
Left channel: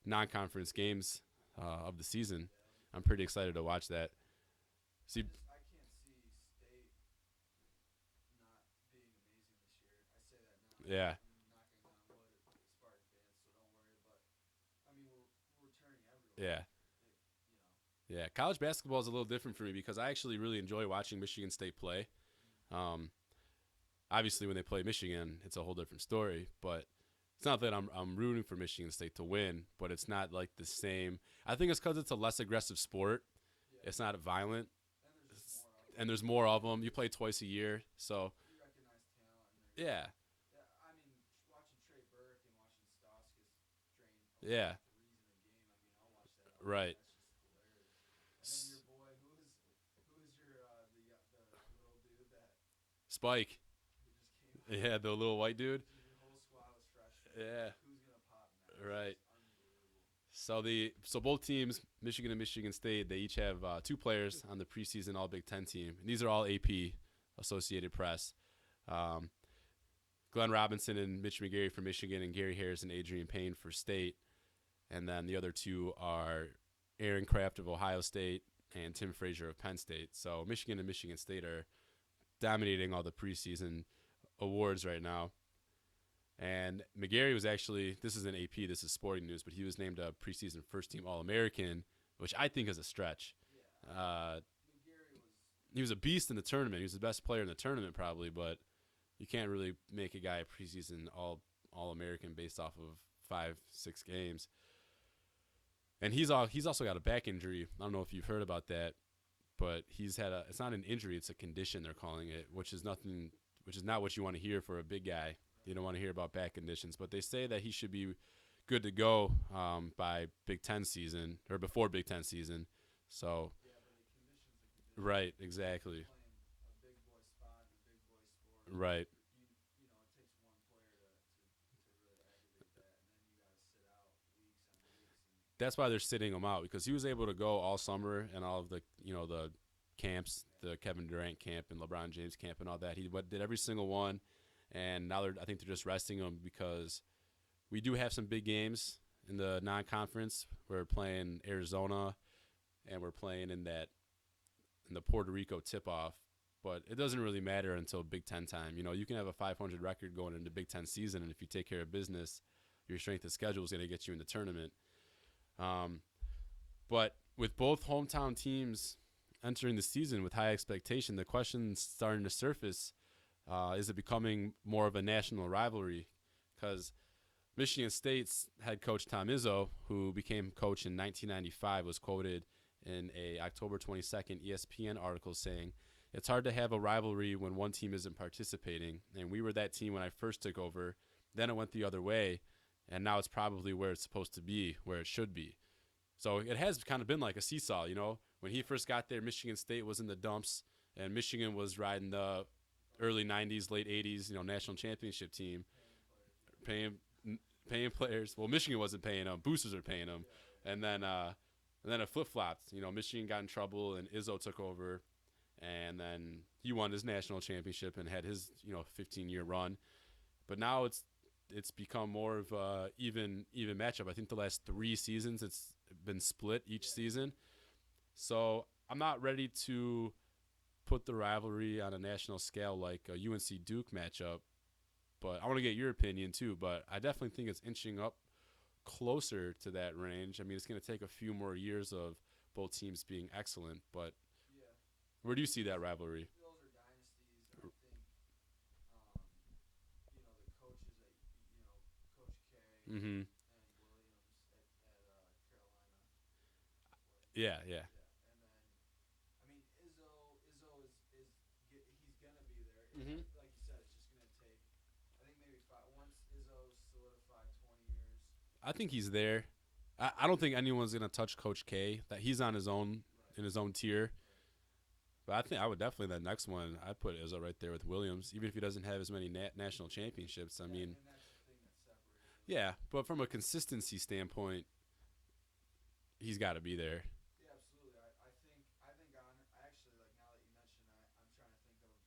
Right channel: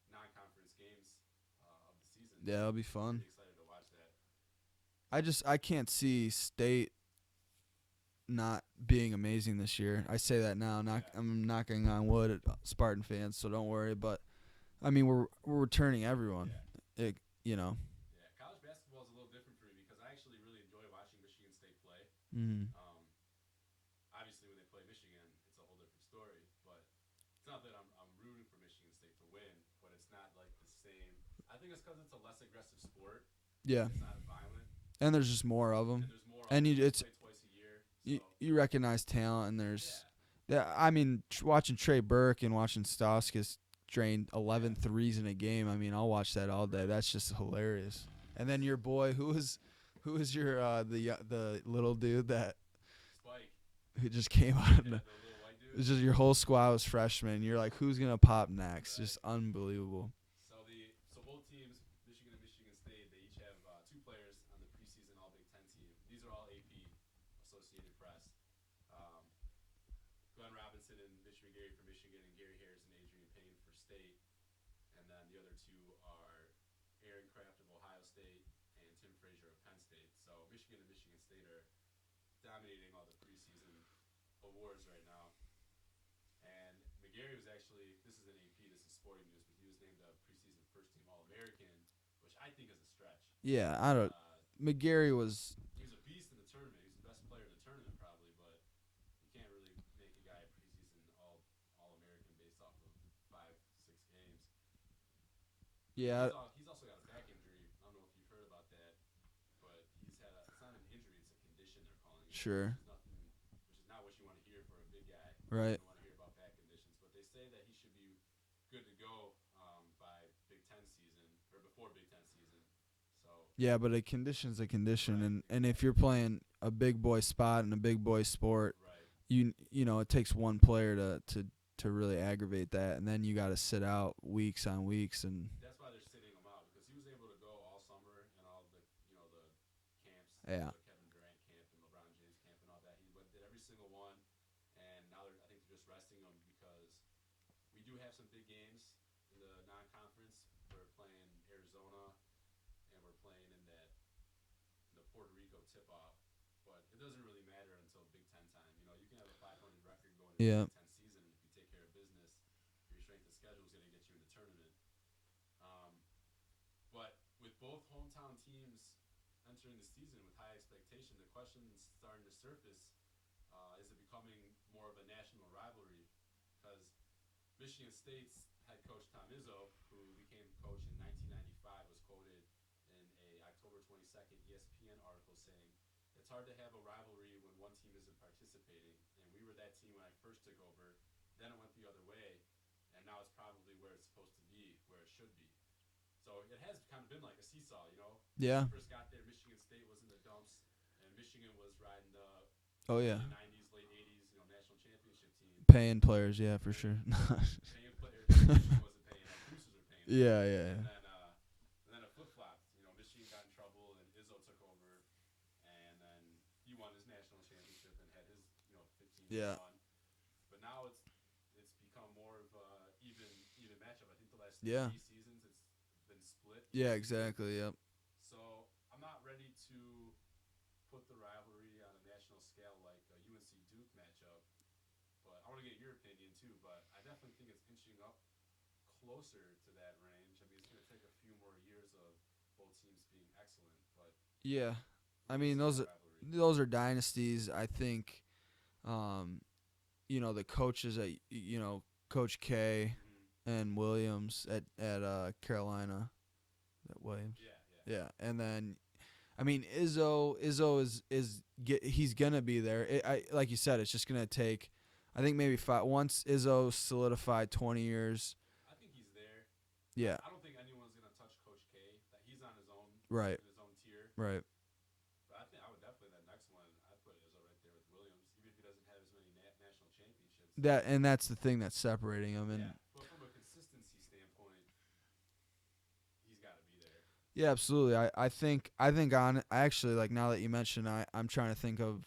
non-conference games of the season. Yeah, it'll be fun. I'm pretty excited to watch that. I can't see State not being amazing this year. I say that now. I'm knocking on wood at Spartan fans, so don't worry. But I mean, we're returning everyone. Yeah. Yeah. College basketball is a little different for me because I actually really enjoy watching Michigan State play. Mm-hmm. Obviously, when they play Michigan, it's a whole different story. But it's not that I'm rooting for Michigan State to win, but it's not like the same. I think it's because it's a less aggressive sport. Yeah. It's not violent. And there's just more of them. And there's more of them. You play twice a year. So you recognize talent, and there's – Yeah, I mean, watching Trey Burke and watching Stauskas drain 11 threes in a game, I mean, I'll watch that all day. Right. That's just hilarious. And then your boy, who was your the little dude that – Spike. Who just came out. Yeah, the little white dude. It's just your whole squad was freshmen. You're like, who's going to pop next? Right. Just unbelievable. So both teams, Michigan and Michigan State, they each have 2 players on the preseason All Big Ten team. And these are all AP, Associated Press. Glenn Robinson and Mitch McGarry for Michigan, and Gary Harris and Adrian Payne for State. and then the other two are Aaron Kraft of Ohio State and Tim Frazier of Penn State. So Michigan and Michigan State are dominating all the preseason awards right now. And McGarry was actually, this is an AP, this is sporting news, but he was named a preseason first-team All-American, which I think is a stretch. Yeah, I don't. McGarry was. He was a beast in the tournament. He was the best player in the tournament probably, but you can't really make a guy a preseason All-American based off of 5-6 games. Yeah. And he's also got a back injury. I don't know if you've heard about that, but he's had it's not an injury, it's a condition they're calling it, Sure. which is not what you want to hear for a big guy. Right. You don't want to hear about back conditions, but they say that he should be good to go by Big Ten season or before Big Ten season. So Yeah, but a condition's a condition, Right, and if you're exactly. playing a big boy spot in a big boy sport, right, you know it takes one player to really aggravate that, and then you got to sit out weeks on weeks, and that's why they're sitting him out because he was able to go all summer and all of the the camps, Yeah. the Kevin Durant camp and LeBron James camp and all that. He did every single one, and now I think they're just resting him because we do have some big games in the non-conference. We're playing Arizona, and we're playing in the Puerto Rico tip-off. But it doesn't really matter until Big Ten time. You can have a 500 record going into the Yeah. Big Ten season, and if you take care of business, your strength of schedule is going to get you in the tournament. But with both hometown teams entering the season with high expectation, the question's starting to surface, is it becoming more of a national rivalry? Because Michigan State's head coach Tom Izzo, who became coach in 1995, was quoted in a October 22nd ESPN article saying, "It's hard to have a rivalry when one team isn't participating, and we were that team when I first took over. Then it went the other way, and now it's probably where it's supposed to be, where it should be." So it has kind of been like a seesaw, When Yeah. he first got there, Michigan State was in the dumps, and Michigan was riding the oh early yeah, 90s, late 80s, national championship team. paying players, yeah, for Paying- sure. Paying players. Well, Michigan wasn't paying them. Boosters are paying them. yeah, yeah. And then it flip-flopped. Michigan got in trouble, and Izzo took over, and then he won his national championship and had his 15-year Yeah. run. But now it's become more of a even matchup. I think the last Yeah. 3 seasons it's been split each yeah, season. exactly. Yep. So I'm not ready to put the rivalry on a national scale like a UNC Duke matchup, but I want to get your opinion too. But I definitely think it's inching up closer to that range. I mean, it's going to take a few more years of both teams being excellent, but Yeah. where I do you mean, see those that are- rivalry? Those are dynasties. I think, the coaches at Coach K Mm-hmm. and Williams at Carolina, that way. Yeah. Yeah, and then, I mean, Izzo he's gonna be there. Like you said, it's just gonna take, I think maybe once Izzo solidified 20 years. I think he's there. Yeah, I don't think anyone's going to touch Coach K. That he's on his own, right, in his own tier. right. But I think I would definitely, the next one, I'd put Izzo right there with Williams, even if he doesn't have as many national championships. I mean, And that's the thing that's separating them. yeah, but from a consistency standpoint, he's got to be there. Yeah, absolutely. I think on actually, like, now that you mention, I'm trying to think of,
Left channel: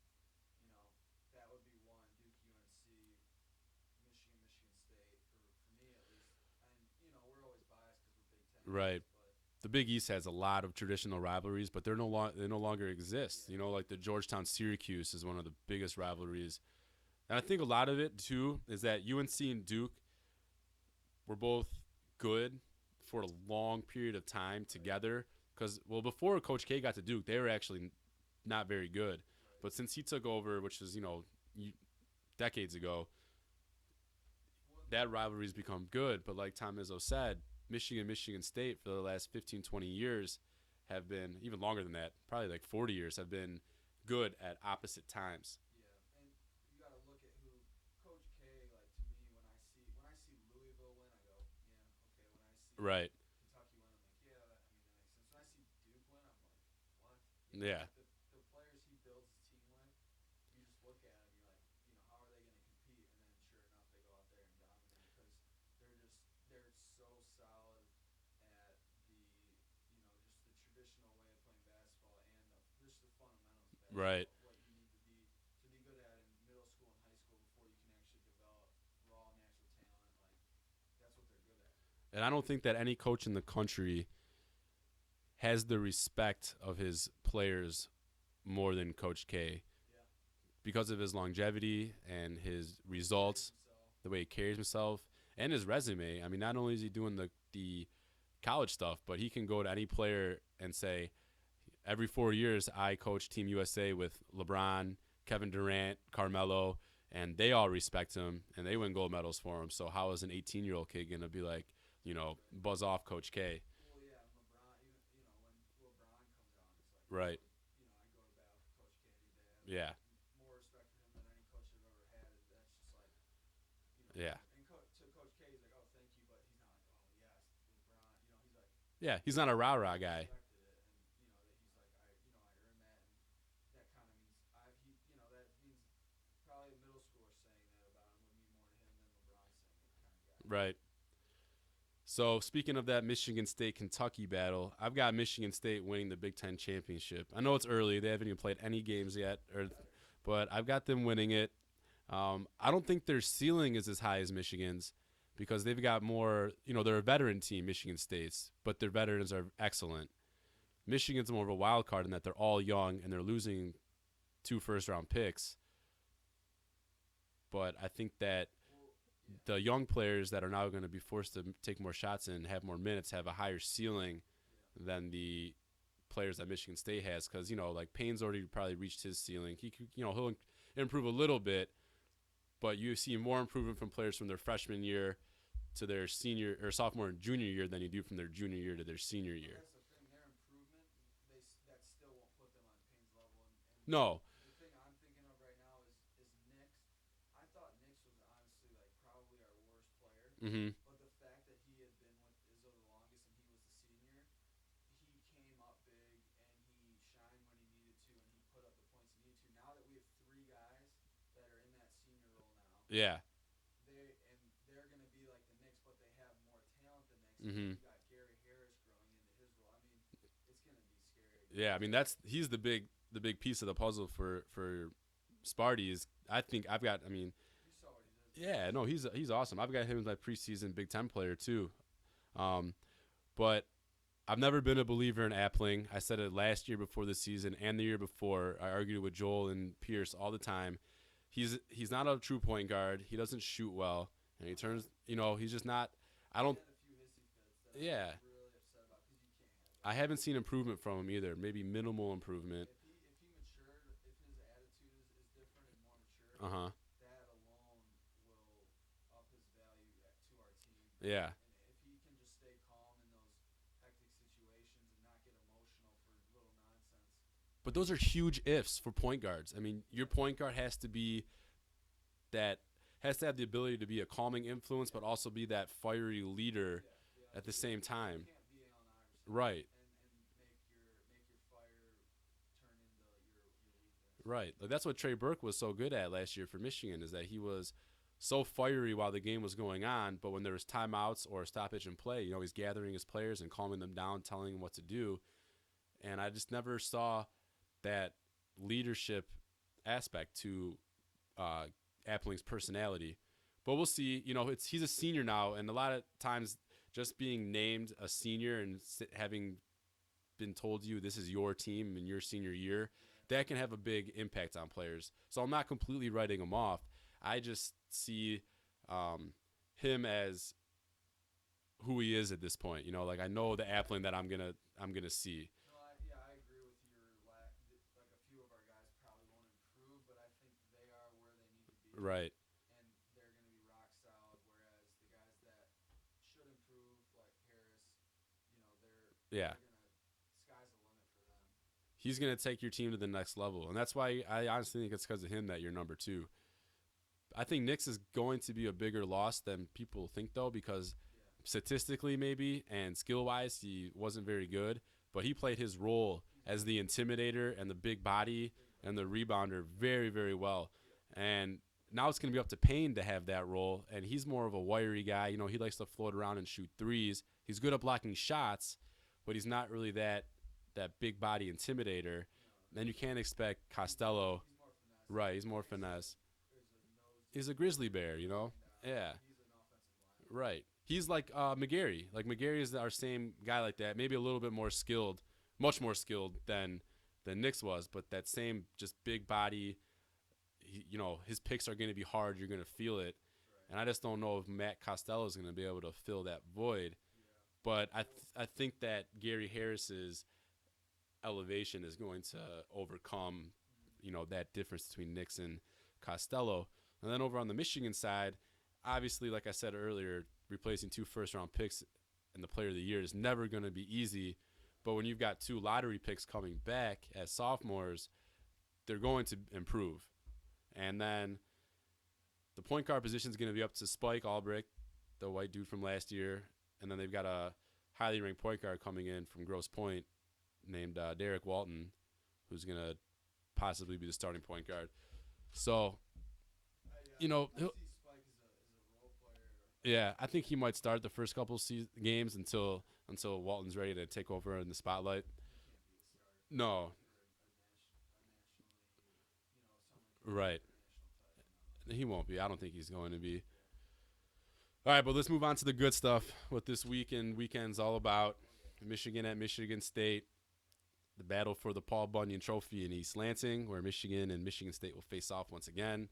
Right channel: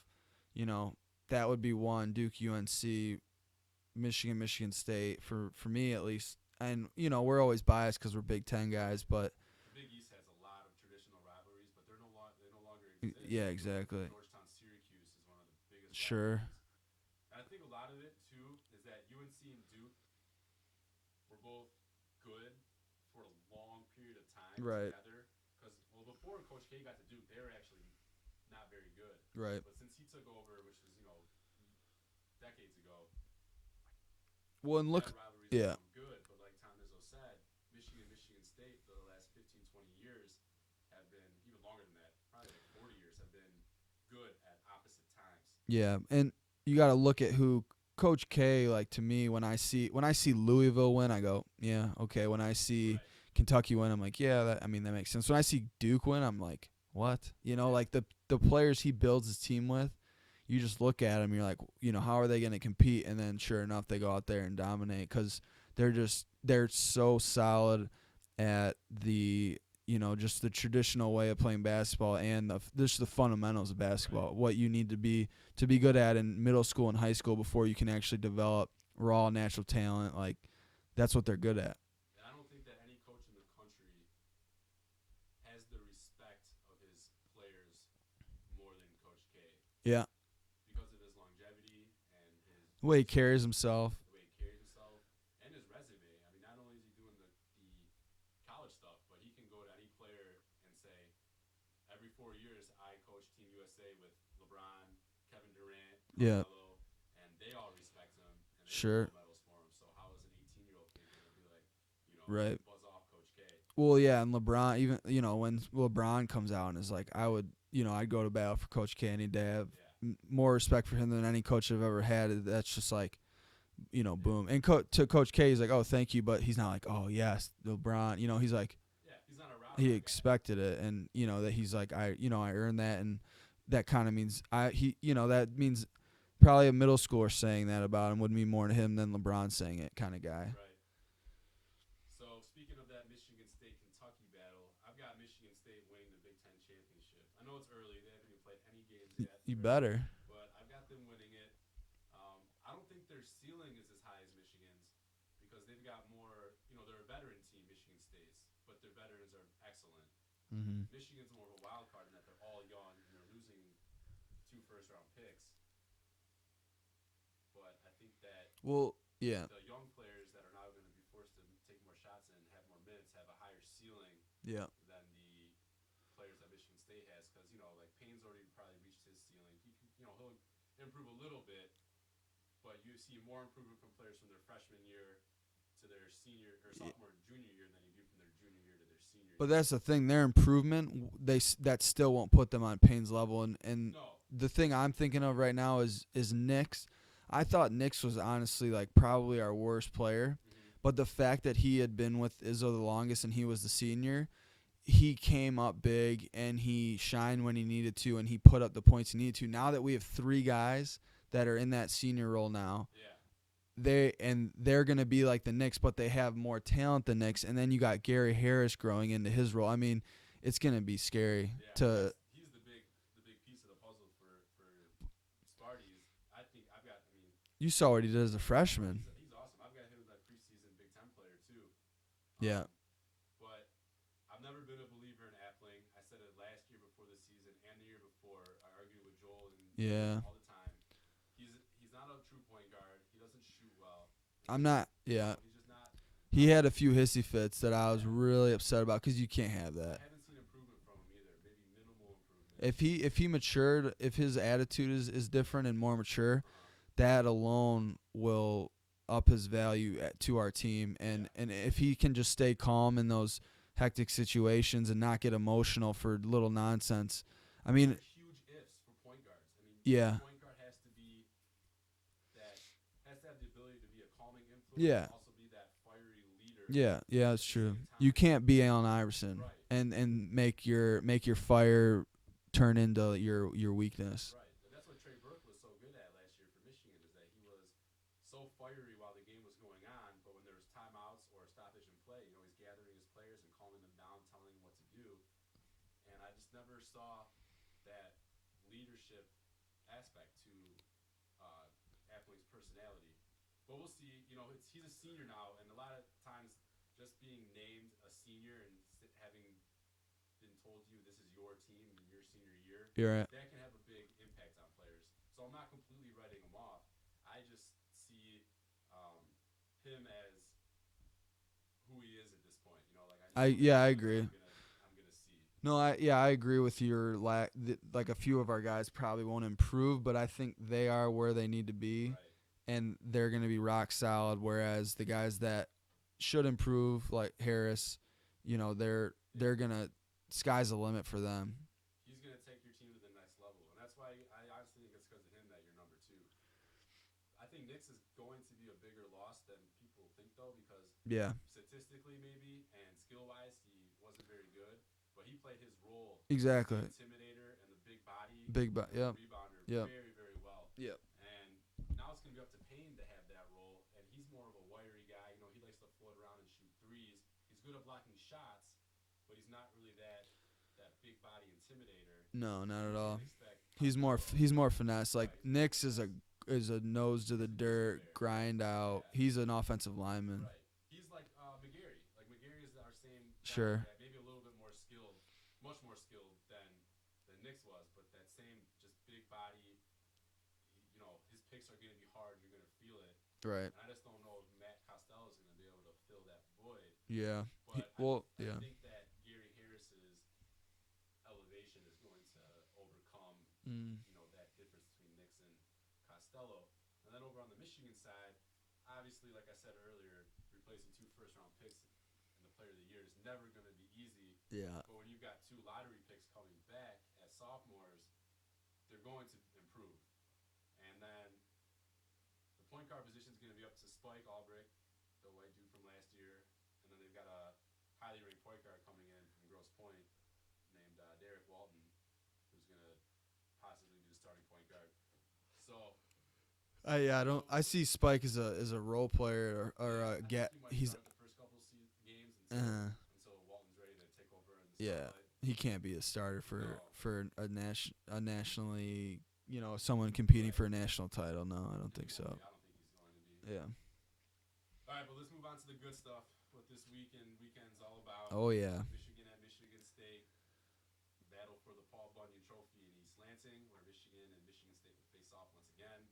that would be one, Duke, UNC, Michigan State for me at least. And we're always biased because we're Big Ten guys, Right. but The Big East has a lot of traditional rivalries, but they no longer exist. Yeah, Like the exactly. Georgetown Syracuse is one of the biggest Sure. rivalries. And I think a lot of it too is that UNC and Duke were both good for a long period of time Right. together. Because before Coach K got to Duke, they were actually not very good. right. But since he took over, which is decades ago, Well, and look, that rivalry's yeah. become good. But like Tom Izzo said, Michigan State for the last 15, 20 years have been, even longer than that, probably like 40 years, have been good at opposite times. yeah, and you got to look at who Coach K. Like, to me, when I see Louisville win, I go, yeah, okay. When I see Right. Kentucky win, I'm like, yeah, that makes sense. When I see Duke win, I'm like, what? Yeah. Like the players he builds his team with, you just look at them, you're like, how are they going to compete? And then sure enough, they go out there and dominate because they're so solid at the, just the traditional way of playing basketball and just the fundamentals of basketball, Right. what you need to be good at in middle school and high school before you can actually develop raw natural talent. Like, that's what they're good at. And I don't think that any coach in the country has the respect of his players more than Coach K. Yeah. Because of his longevity and his The way results, he carries himself. the way he carries himself, and his resume. I mean, not only is he doing the college stuff, but he can go to any player and say, every 4 years I coach Team USA with LeBron, Kevin Durant, Carmelo, and they all respect him, and they win gold medals for him. So how is an 18-year-old kid going to be like, buzz off Coach K? Well, yeah, and LeBron, even, when LeBron comes out and is like, Right. I'd go to battle for Coach K any day. I have Yeah. more respect for him than any coach I've ever had. That's just like, Yeah. boom. And to Coach K, he's like, oh, thank you, but he's not like, oh, yes, LeBron. He's like, Yeah, he's not a he rah-rah guy. expected it, and that he's like, I earned that, and that kind of means that means probably a middle schooler saying that about him would mean more to him than LeBron saying it, kind of guy. Right. So speaking of that Michigan State-Kentucky battle, I've got Michigan State winning the Big Ten championship. I know it's early; they haven't even played any games yet. You better. But I've got them winning it. I don't think their ceiling is as high as Michigan's because they've got more. They're a veteran team, Michigan State's, but their veterans are excellent. Mm-hmm. Michigan's more of a wild card in that they're all young and they're losing 2 first-round picks. But I think that the young players that are now going to be forced to take more shots and have more minutes have a higher ceiling than the players that Michigan State has because, like Payne's already probably reached his ceiling. He'll improve a little bit, but you see more improvement from players from their freshman year to their senior or sophomore and junior year than you do from their junior year to their senior year. But that's the thing. Their improvement, that still won't put them on Payne's level. And No. The thing I'm thinking of right now is Nix. I thought Nix was honestly like probably our worst player. Mm-hmm. But the fact that he had been with Izzo the longest and he was the senior, he came up big and he shined when he needed to and he put up the points he needed to. Now that we have 3 guys that are in that senior role now, they're going to be like the Knicks, but they have more talent than Knicks. And then you got Gary Harris growing into his role. I mean, it's going to be scary. Yeah, he's the big piece of the puzzle for Sparty. You saw what he did as a freshman. No, he's awesome. I've got him as my preseason Big Ten player too. Yeah. But I've never been a believer in Appling. I said it last year before the season and the year before. I argued with Joel and Pierce all the time. He's not a true point guard. He doesn't shoot well. He's just not. He had a few hissy fits that I was really upset about because you can't have that. I haven't seen improvement from him either. Maybe minimal improvement. If he matured, if his attitude is different and more mature, that alone will up his value to our team. And if he can just stay calm in those hectic situations and not get emotional for little nonsense. But those are huge ifs for point guards. I mean, your point guard has to have the ability to be a calming influence, but also be that fiery leader. That's at true. the same time. You can't be Allen Iverson, right? And make your fire turn into your weakness, right? Like that's what Trey Burke was so good at last year for Michigan, is that he was so fiery while the game was going on, but when there was timeouts or stoppage in play, he's gathering his players and calming them down, telling them what to do. And I just never saw that leadership aspect to Appling's personality. But we'll see. He's a senior now, and a lot of times just being named a senior and having been told this is your team in your senior year, that can have a big impact on players. So I'm not completely writing him off. I just see him as who he is at this point. I know the Appling that I'm gonna see. No, I agree with your like a few of our guys probably won't improve, but I think they are where they need to be. Right. And they're gonna be rock solid. Whereas the guys that should improve, like Harris, they're gonna sky's the limit for them. He's gonna take your team to the next level, and that's why I honestly think it's because of him that you're number 2. I think Nix is going to be a bigger loss than people think, though, because statistically maybe and skill-wise he wasn't very good, but he played his role as the intimidator and the big body and the rebounder very, very well. Yep. And now it's going to be up to Payne to have that role, and he's more of a wiry guy. He likes to float around and shoot threes. He's good at blocking shots, but he's not really that big body intimidator. No, not and at all. you can't expect Costello. He's more finesse. Right, like he's more Nix finesse. is a nose to He's the a grizzly dirt, bear, grind out. Yeah. He's an offensive lineman. Right. He's like McGarry. Like McGarry is our same guy like that. Maybe a little bit more skilled, much more skilled than Nix was, but that same just big body. His picks are going to be hard. You're going to feel it. Right. And I just don't know if Matt Costello is going to be able to fill that void. Yeah. But I think that Gary Harris's elevation is going to overcome, that difference between Nix and Costello. And then over on the Michigan side, obviously, like I said earlier, replacing 2 first-round picks and the player of the year is never going to be easy. Yeah. But when you've got 2 lottery picks coming back as sophomores, they're going to improve. And then the point guard position is going to be up to Spike Albrecht, the white dude from last year. And then they've got a highly ranked point guard coming in from Grosse Pointe named Derek Walton, who's going to possibly be the starting point guard. So, I see Spike as a role player. I think he might start the first couple games until Walton's ready to take over in the spotlight. He can't be a starter for a nationally, someone competing for a national title. No, I don't think so. He won't be. I don't think he's going to be. Yeah. All right, but let's move on to the good stuff. What this weekend's all about. Oh yeah. Michigan at Michigan State. The battle for the Paul Bunyan Trophy in East Lansing, where Michigan and Michigan State will face off once again.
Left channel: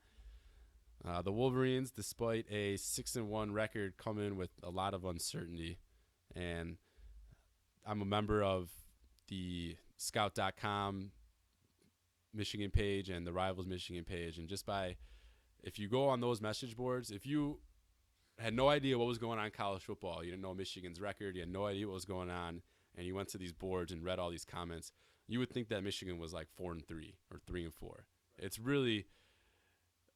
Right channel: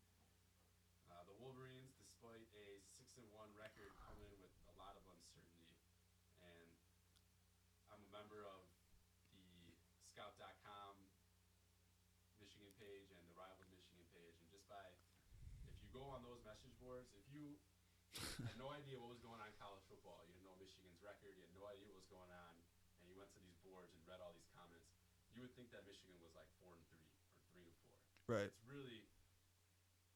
The Wolverines, despite a 6-1 record, come in with a lot of uncertainty. And I'm a member of the Scout.com Michigan page and the Rivals Michigan page. And if you go on those message boards, if you had no idea what was going on in college football, you didn't know Michigan's record, you had no idea what was going on, and you went to these boards and read all these comments, you would think that Michigan was like 4-3 or 3-4. Right. It's really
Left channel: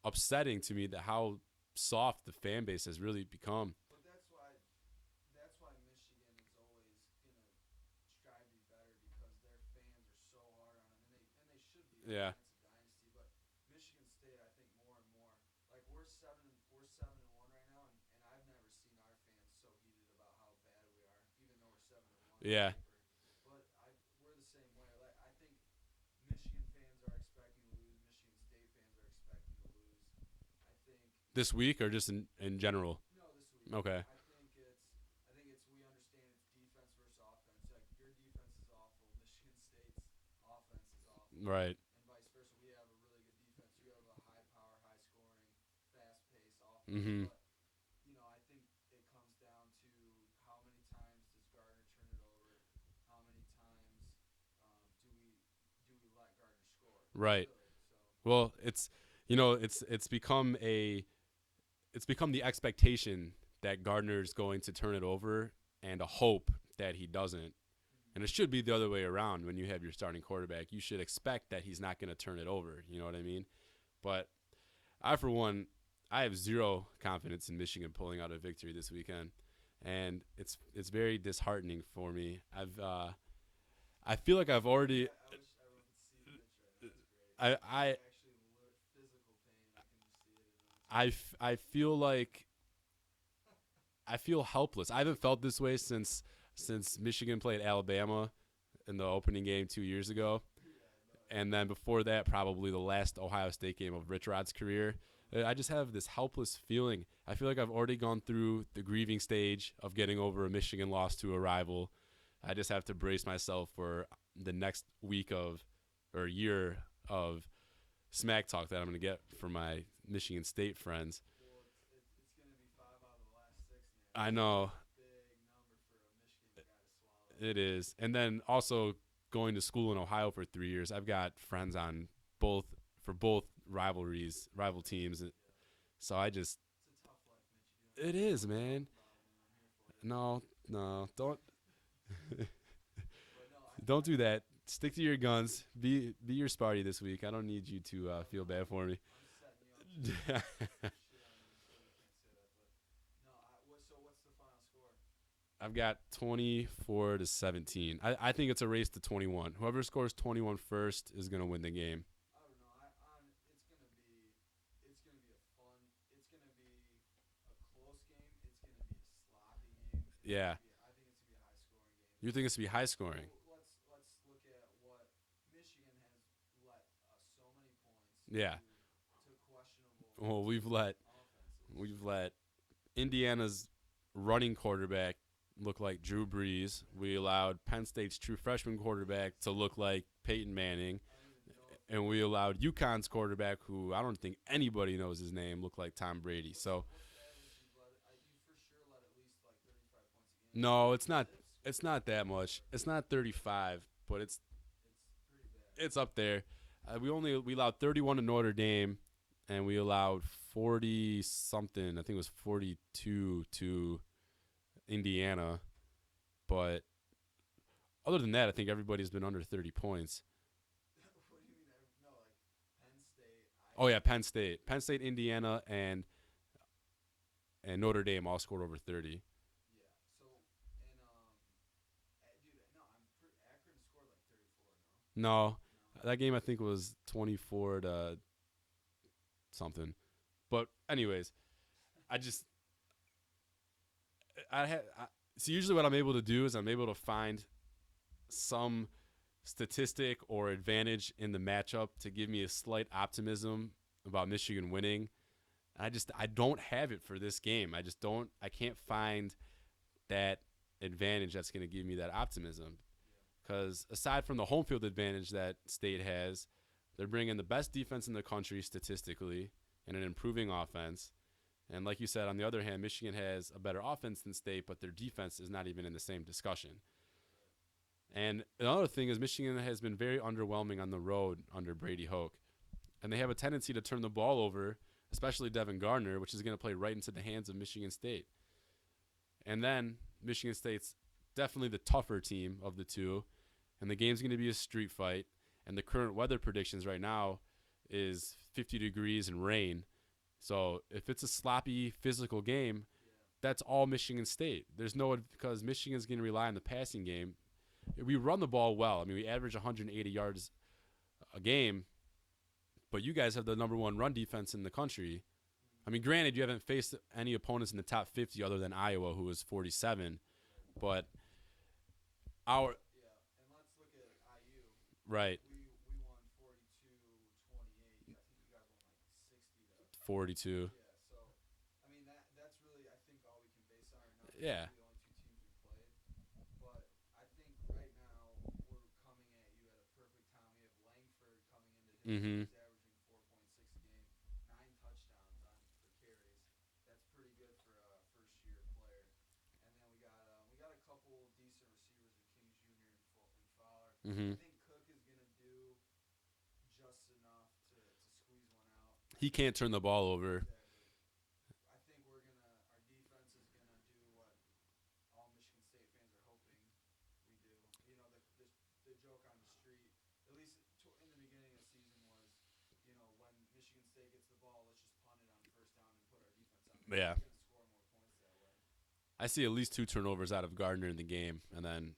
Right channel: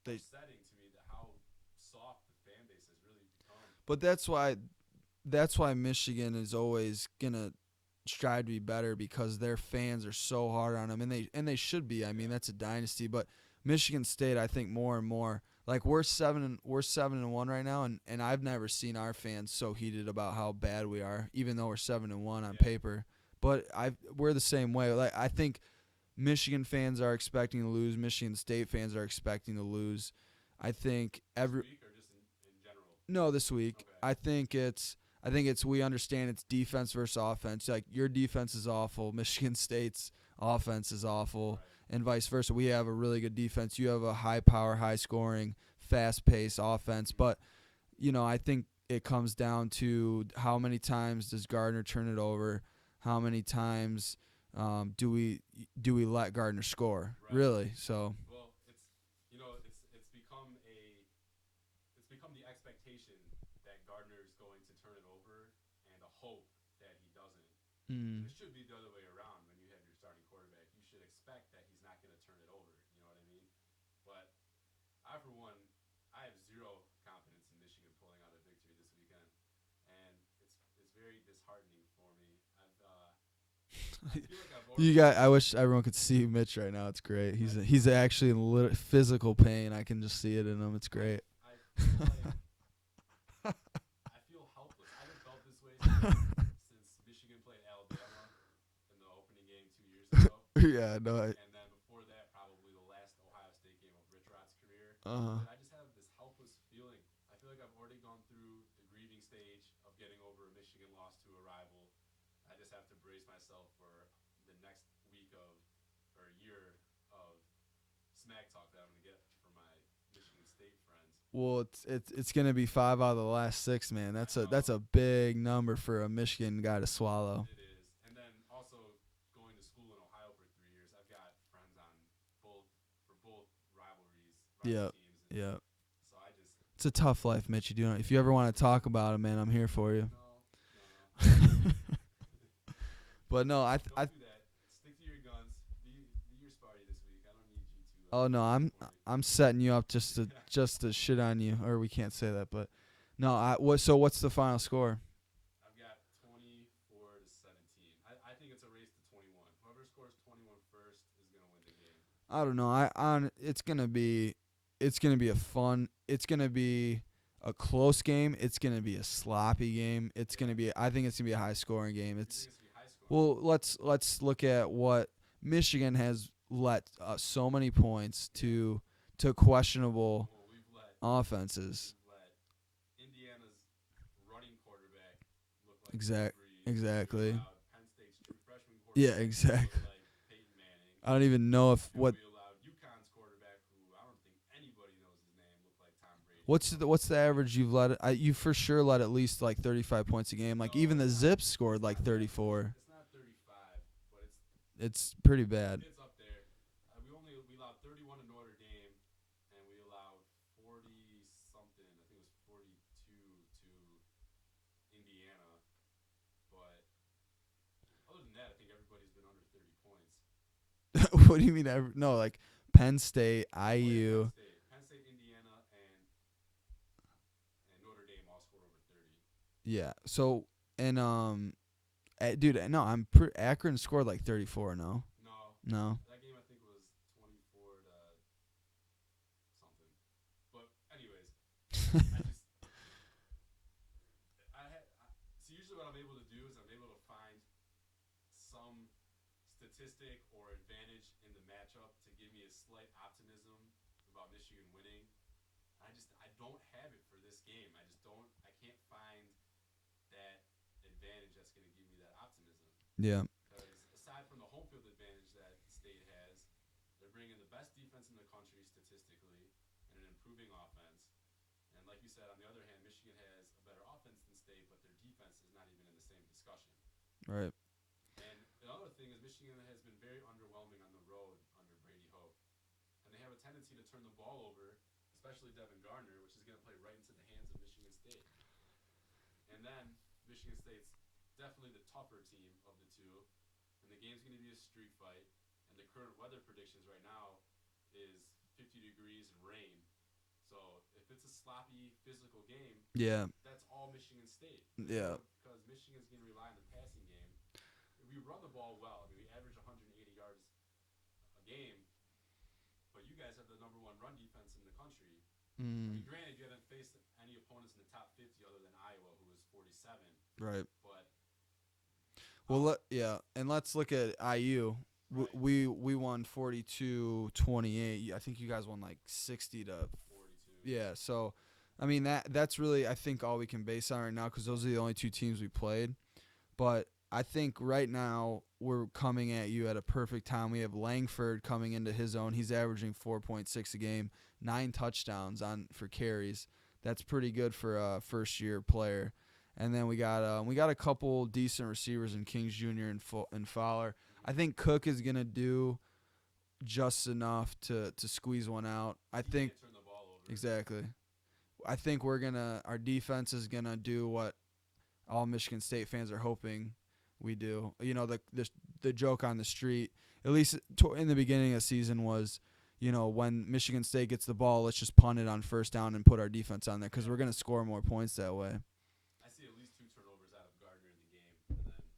upsetting to me that how soft the fan base has really become. But that's why Michigan is always gonna strive to be better, because their fans are so hard on them, and they should be. I mean, that's a dynasty. But Michigan State, I think more and more, like we're 7-1 right now, and I've never seen our fans so heated about how bad we are, even though we're 7-1 on paper. But we're the same way. Like I think Michigan fans are expecting to lose. Michigan State fans are expecting to lose. I think this week or just in general? No, this week. Okay. I think it's we understand it's defense versus offense. Like your defense is awful, Michigan State's offense is awful, right? And vice versa. We have a really good defense. You have a high power, high scoring, fast paced offense. But I think it comes down to how many times does Gardner turn it over? How many times do we let Gardner score? Right. Really? So it's become the expectation that Gardner's going to turn it over and a hope that he doesn't. And it should be the other way around. When you have your starting quarterback, you should expect that he's not going to turn it over. You know what I mean? But for one, I have zero confidence in Michigan pulling out a victory this weekend. And it's very disheartening for me. I feel like I've already. I wish everyone could see Mitch right now. It's great. He's actually in physical pain. I can just see it in him. It's great. I feel like I feel helpless. I haven't felt this way since Michigan played Alabama in the opening game 2 years ago. Yeah, no. And then before that, probably the last Ohio State game of Rich Rod's career. I just have this helpless feeling. I feel like I've already gone through the grieving stage of getting over a Michigan loss to a rival. I just have to brace myself for the next week or year of smack talk that I'm going to get from my Michigan State friends. Well, it's going to be 5 out of the last 6, man. I know. That's a big number for a Michigan guy to swallow. It is. And then also going to school in Ohio for 3 years, I've got friends on both rival teams. Yeah. So it's a tough life, Mitch. You do. If you ever want to talk about it, man, I'm here for you. No, don't. But no, don't do that. Stick to your guns. Be your Sparty this week. I don't need you to. I'm setting you up just to shit on you, or we can't say that, but no. What's the final score? I've got 24-17. I think it's a race to 21. Whoever scores 21 first is gonna win the game. I don't know. It's gonna be a close game. It's going to be a sloppy game. I think it's going to be a high scoring game. You think it's going to be high scoring? Well, let's look at what Michigan has let so many points to questionable we've let offenses. We've let Indiana's running quarterback look like Drew Brees. Exactly. We allowed Penn State's true freshman quarterback to look like Peyton Manning. I don't even know if. And we allowed UConn's quarterback, who I don't think anybody knows his name, look like Tom Brady. What's the average you've let? You for sure let at least like 35 points a game. Like no, even the not, Zips scored like not 34. It's not 35, but it's pretty bad. It's up there. We allowed 31 to Notre Dame, and we allowed 40 something. I think it was 42 to Indiana. But other than that, I think everybody's been under 30 points. What do you mean? No, like Penn State, IU. Oh yeah, Penn State, Indiana, and Notre Dame all scored over 30. Yeah. So and dude, no, Akron scored like 34. No. That game I think was 24 to something. But anyways, so usually what I'm able to do is I'm able to find some statistic or advantage in the matchup to give me a slight optimism about Michigan winning. I don't have it for this game. I can't find that advantage that's going to give me that optimism. Yeah. Because aside from the home field advantage that State has, they're bringing the best defense in the country statistically and an improving offense. And like you said, on the other hand, Michigan has a better offense than State, but their defense is not even in the same discussion. Right. And another thing is Michigan has been very underwhelming on the road under Brady Hoke. And they have a tendency to turn the ball over, especially Devin Gardner, which is going to play right into the hands of Michigan State. And then Michigan State's definitely the tougher team of the two, and the game's going to be a street fight. And the current weather predictions right now is 50 degrees and rain. So if it's a sloppy physical game, that's all Michigan State. There's because Michigan's going to rely on the passing game. We run the ball well. I mean, we average 180 yards a game, but you guys have the number one run defense in the country. I mean, granted, you haven't faced any opponents in the top 50 other than Iowa, who was 47. Right. But and let's look at IU. Right. We won 42-28. I think you guys won like 60 to 42. Yeah. So, I mean that's really I think all we can base on right now because those are the only two teams we played. But I think right now we're coming at you at a perfect time. We have Langford coming into his own. He's averaging 4.6 a game, 9 touchdowns for carries. That's pretty good for a first-year player. And then we got a couple decent receivers in Kings Jr. and Fowler. I think Cook is gonna do just enough to squeeze one out. He can't turn the ball over. Exactly. I think our defense is gonna do what all Michigan State fans are hoping we do. You know, the joke on the street, at least in the beginning of the season, was, you know, when Michigan State gets the ball, let's just punt it on first down and put our defense on there because we're gonna score more points that way. I see at least 2 turnovers out of Gardner in the game, and then,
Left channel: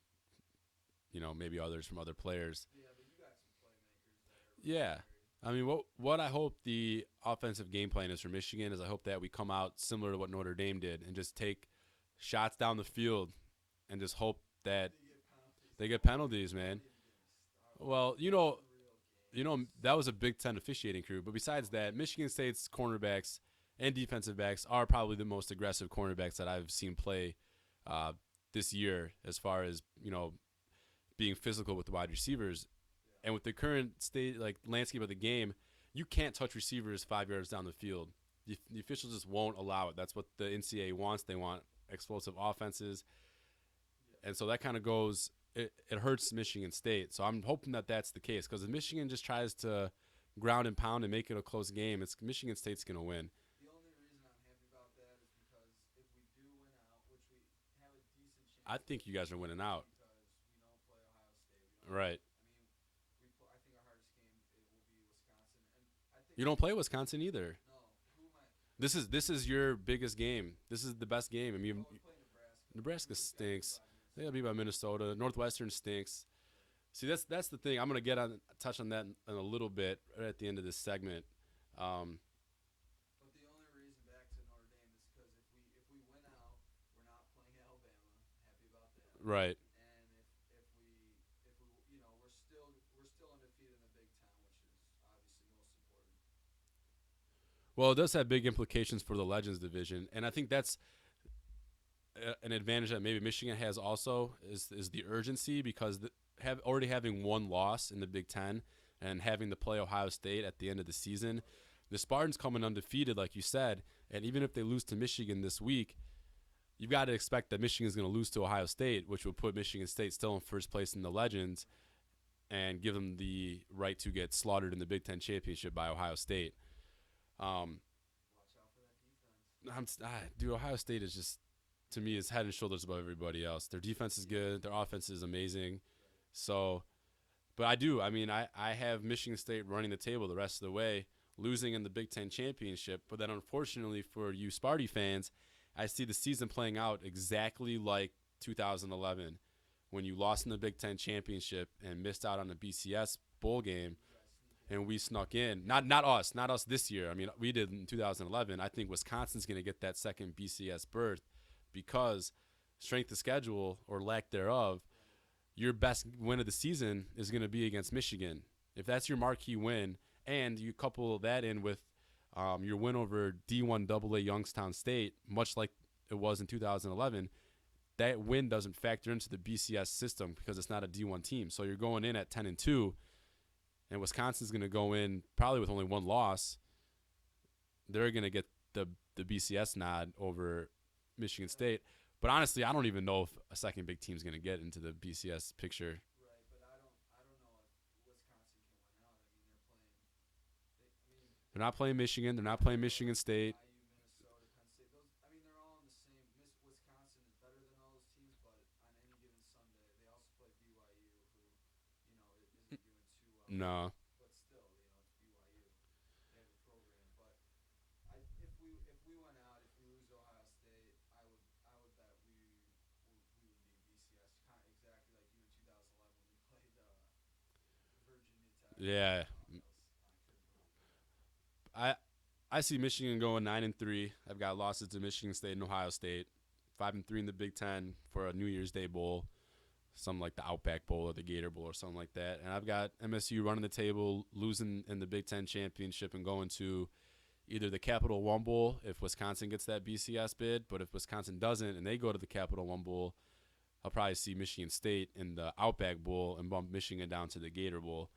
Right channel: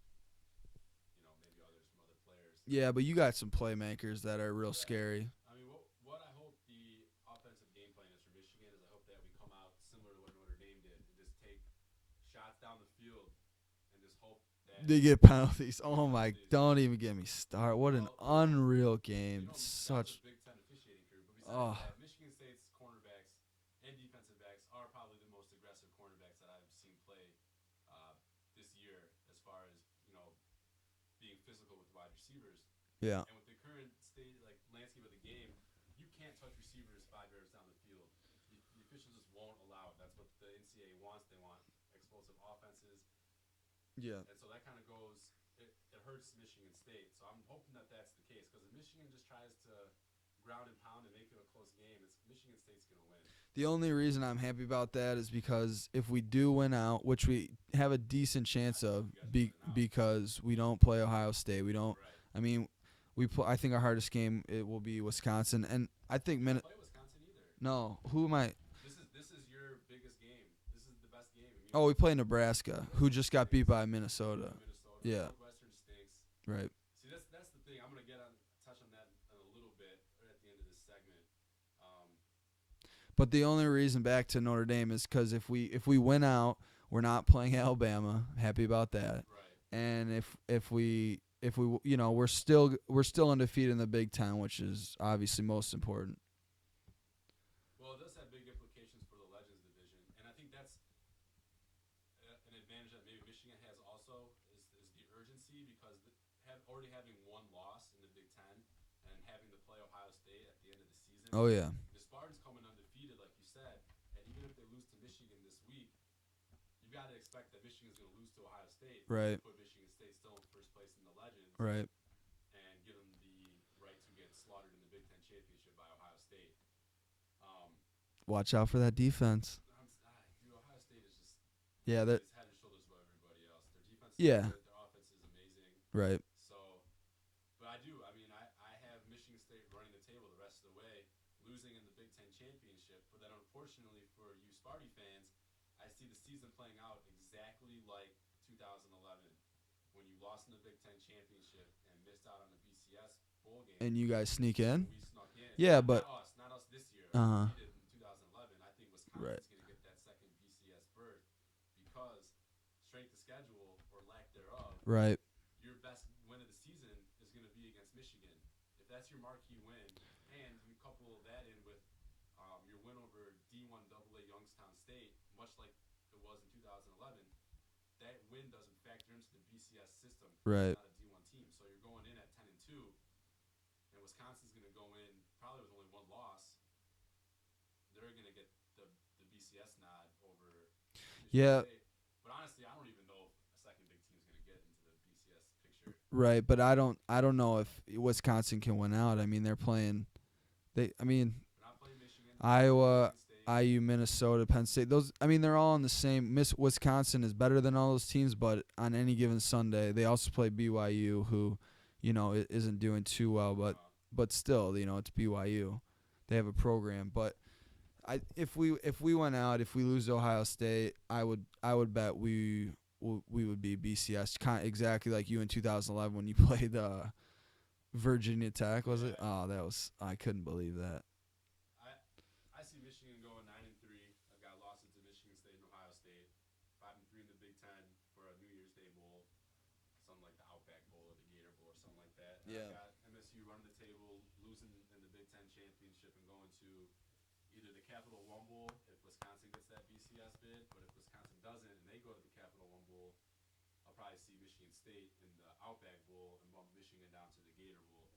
you know, maybe others from other players. Yeah, but you got some playmakers that are real scary. I mean, what I hope the offensive game plan is for Michigan is I hope that we come out similar to what Notre Dame did and just take shots down the field and just hope that they get penalties. Don't even get me started. What an unreal game. You know, that was a Big Ten officiating crew. But besides that, Michigan State's cornerbacks and defensive backs are probably the most aggressive cornerbacks that I've seen play this year as far as, you know, being physical with the wide receivers. Yeah. And with the current landscape of the game, you can't touch receivers 5 yards down the field. The officials just won't allow it. That's what the NCAA wants. They want explosive offenses. Yeah. And so that kind of goes it hurts Michigan State. So I'm hoping that that's the case because if Michigan just tries to ground and pound and make it a close game, Michigan State's going to win. The only reason I'm happy about that is because if we do win out, which we have a decent chance I think you guys are winning out because we don't play Ohio State. We don't. Right. I mean, I think our hardest game it will be Wisconsin, and I think you don't play Wisconsin either. No. Who am I? This is your biggest game. This is the best game. I mean, we play Nebraska who just got beat by Minnesota. Beat by Minnesota. Yeah. Northwestern stinks. Right. See, that's the thing. I'm gonna touch on that in a little bit right at the end of this segment. But the only reason back to Notre Dame is because if we win out, we're not playing Alabama. Happy about that. Right. And if we you know we're still undefeated in the Big Ten, which is obviously most important. Well, it does have big implications for the Legends division, and I think that's an advantage that maybe Michigan has also is the urgency, because already having one loss in the Big Ten and having to play Ohio State at the end of the season. Oh, yeah. The Spartans coming undefeated, like you said, and even if they lose to Michigan this week, you've got to expect that Michigan's going to lose to Ohio State, which would put Michigan State still in first place in the Legends, and give them the right to get slaughtered in the Big Ten championship by Ohio State. Watch out for that defense. Dude, Ohio State is just, to me, is head and shoulders above everybody else. Their defense is good. Their offense is amazing. Right. So, but I have Michigan State running the table the rest of the way, losing in the Big Ten championship. But then, unfortunately for you Sparty fans, I see the season playing out exactly like 2011, when you lost in the Big Ten championship and missed out on the BCS bowl game. And you guys sneak in? And we snuck in. Yeah, not us this year. I mean, we did in 2011. I think Wisconsin's going to get that second BCS berth because strength of schedule or lack thereof, your best win of the season is going to be against Michigan. If that's your marquee win, and you couple that in with your win over D1 AA Youngstown State, much like it was in 2011, that win doesn't factor into the BCS system because it's not a D1 team. So you're going in at 10-2, and Wisconsin's going to go in probably with only one loss. They're going to get the BCS nod over Michigan State. But honestly, I don't even know if a second big team's going to get into the BCS picture. Right, but I don't know if Wisconsin can win out. I mean, they're playing. They're not playing Michigan. They're not playing Michigan State. IU, Minnesota, Penn State. They're all on the same. Wisconsin is better than all those teams, but on any given Sunday, they also play BYU, who, isn't doing too well. No. But still, it's BYU. They have a program. But if we went out, if we lose to Ohio State, I would bet we would be BCS, exactly like you in 2011 when you played Virginia Tech. I couldn't believe that. I see Michigan going 9-3. I've got losses to Michigan State and Ohio State. 5-3 in the Big Ten for a New Year's Day bowl, something like the Outback Bowl or the Gator Bowl or something like that. And I've got MSU running the table, losing in the Big Ten championship and going to either the Capital One Bowl if Wisconsin gets that BCS bid. But if Wisconsin doesn't and they go to the Capital One Bowl, I'll probably see Michigan State in the Outback Bowl and bump Michigan down to the Gator Bowl.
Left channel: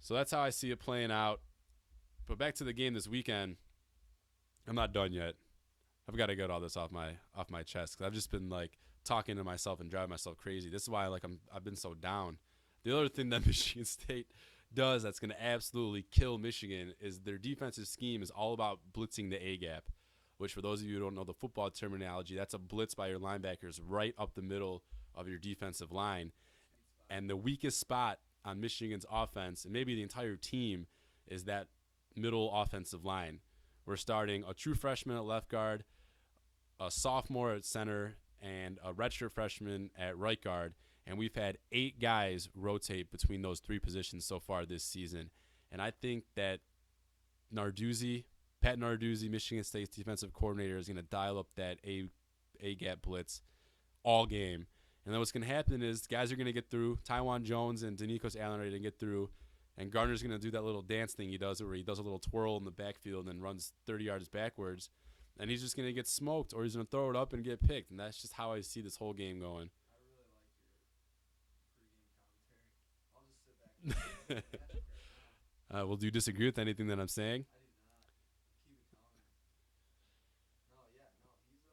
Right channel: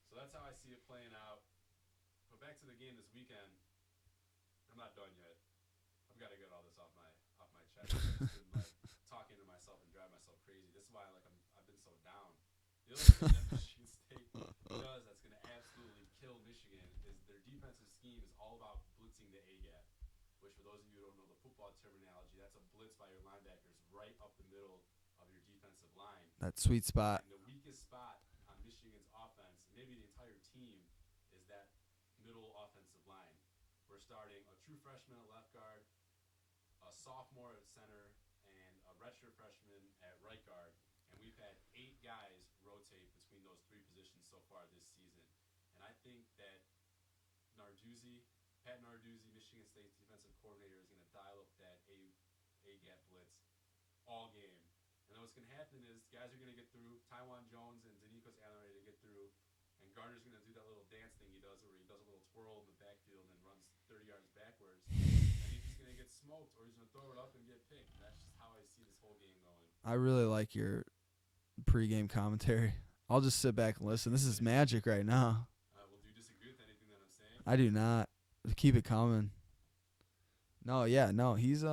So that's how I see it playing out. But back to the game this weekend, I'm not done yet. I've got to get all this off my chest. I've just been talking to myself and driving myself crazy. This is why I've been so down. The other thing that Michigan State does that's going to absolutely kill Michigan is their defensive scheme is all about blitzing the A gap, which for those of you who don't know the football terminology, that's a blitz by your linebackers right up the middle of your defensive line. That sweet spot. And the weakest spot on Michigan's offense, and maybe the entire team, is that middle offensive line. We're starting a true freshman at left guard, a sophomore at center, and a redshirt freshman at right guard. And we've had 8 guys rotate between those 3 positions so far this season. And I think that Pat Narduzzi, Michigan State's defensive coordinator, is going to dial up that A-gap blitz all game. And then what's going to happen is guys are going to get through. Tywan Jones and Danikos Allen are going to get through. And Gardner's going to do that little dance thing he does where he does a little twirl in the backfield and then runs 30 yards backwards. And he's just going to get smoked, or he's going to throw it up and get picked. And that's just how I see this whole game going. I really like your pregame commentary. I'll just sit back and listen. This is magic right now. Well, do you disagree with anything that I'm saying? I do not. Keep it coming. No, he's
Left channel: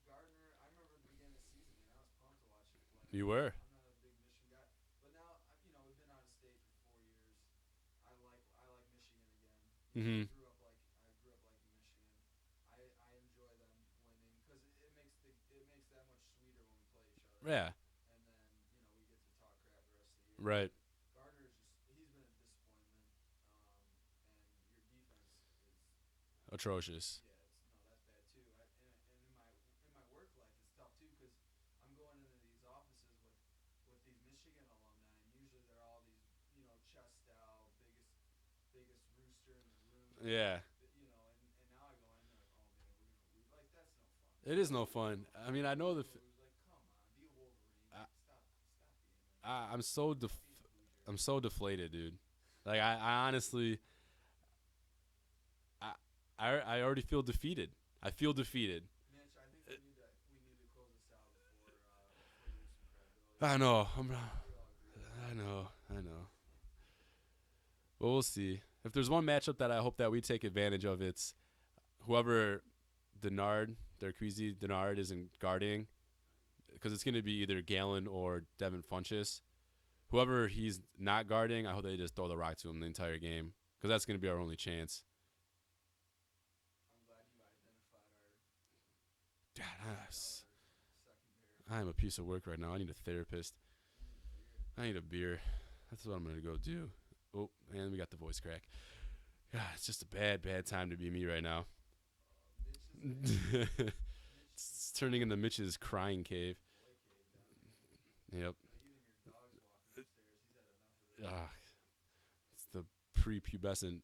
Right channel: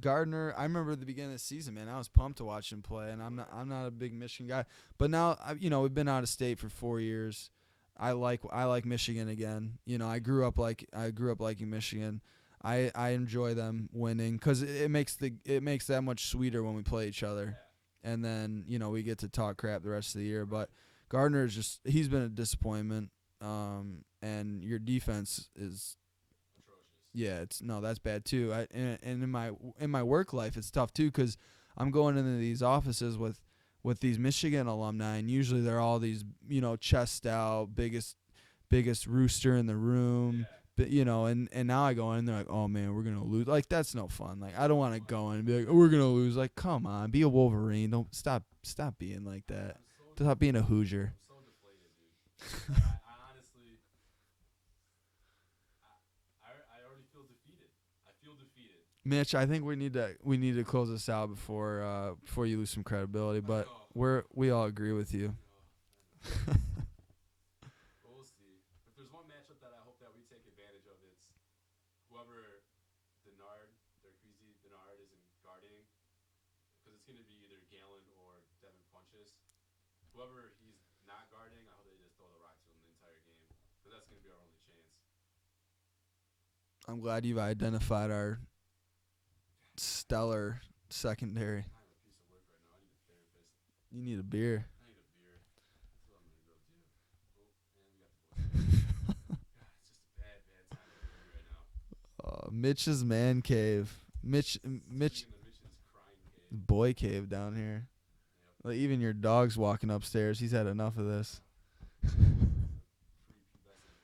Gardner. I remember at the beginning of the season, man, I was pumped to watch him play. And I'm not a big Michigan guy, but now we've been out of state for 4 years. I like Michigan again. I grew up liking Michigan. I enjoy them winning because it makes that much sweeter when we play each other. Yeah. And then we get to talk crap the rest of the year. Right. But Gardner is he's been a disappointment. And your defense is atrocious. Yeah, that's bad too. And in my work life, it's tough too because I'm going into these offices with these Michigan alumni, and usually they're all these chest out, biggest rooster in the room. Yeah. But and now I go in and they're like, oh man, we're gonna lose. Like that's no fun. Like I don't want to go in and be like, we're gonna lose. Like come on, be a Wolverine. Don't stop being like that. Stop being a Hoosier. I'm so deflated, dude. Like I honestly. I already feel defeated. I feel defeated. Mitch, I think we need to close this out before you lose some credibility. But I know. we all agree with you. I know. But we'll see. If there's one matchup that I hope that we take advantage of, it's whoever Darqueze Denard isn't guarding, because it's going to be either Gallon or Devin Funchess. Whoever he's not guarding, I hope they just throw the rock to him the entire game, because that's going to be our only chance. I'm glad you've identified our stellar secondary. I am a piece of work right now. I need a therapist. You need a beer. I need a beer. That's what I'm going to go do. Oh, and we got the voice crack. God, it's just a bad time to be me right now. Mitch's man cave. Mitch Turning into Mitch's crying cave. Boy cave down here. Yep. Like even your dog's walking upstairs. He's had enough of this. It's the prepubescent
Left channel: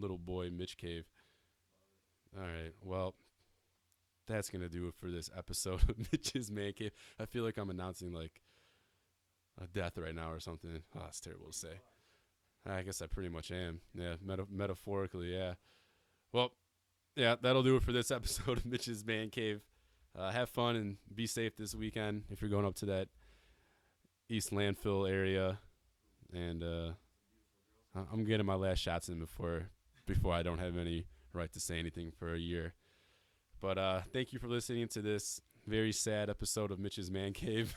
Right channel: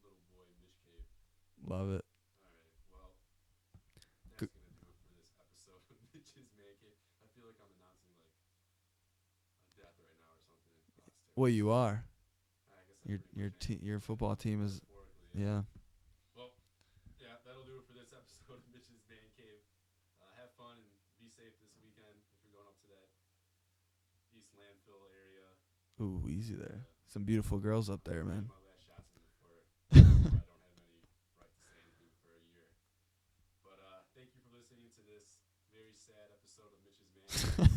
little boy Mitch cave. Love it. All right. Well, that's going to do it for this episode of Mitch's Man Cave. I feel like I'm announcing like a death right now or something. Oh, it's terrible. Well, to you say. are. I guess I pretty much am. Your football team. Metaphorically, yeah. Well, yeah, that'll do it for this episode of Mitch's Man Cave. Have fun and be safe this weekend if you're going up to that East Landfill area. Ooh, easy and some beautiful girls up there. I'm getting my last shots in before I don't have any right to say anything for a year. But thank you for listening to this very sad episode of Mitch's Man Cave.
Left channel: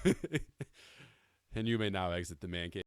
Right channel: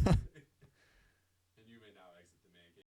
And you may now exit the Man Cave.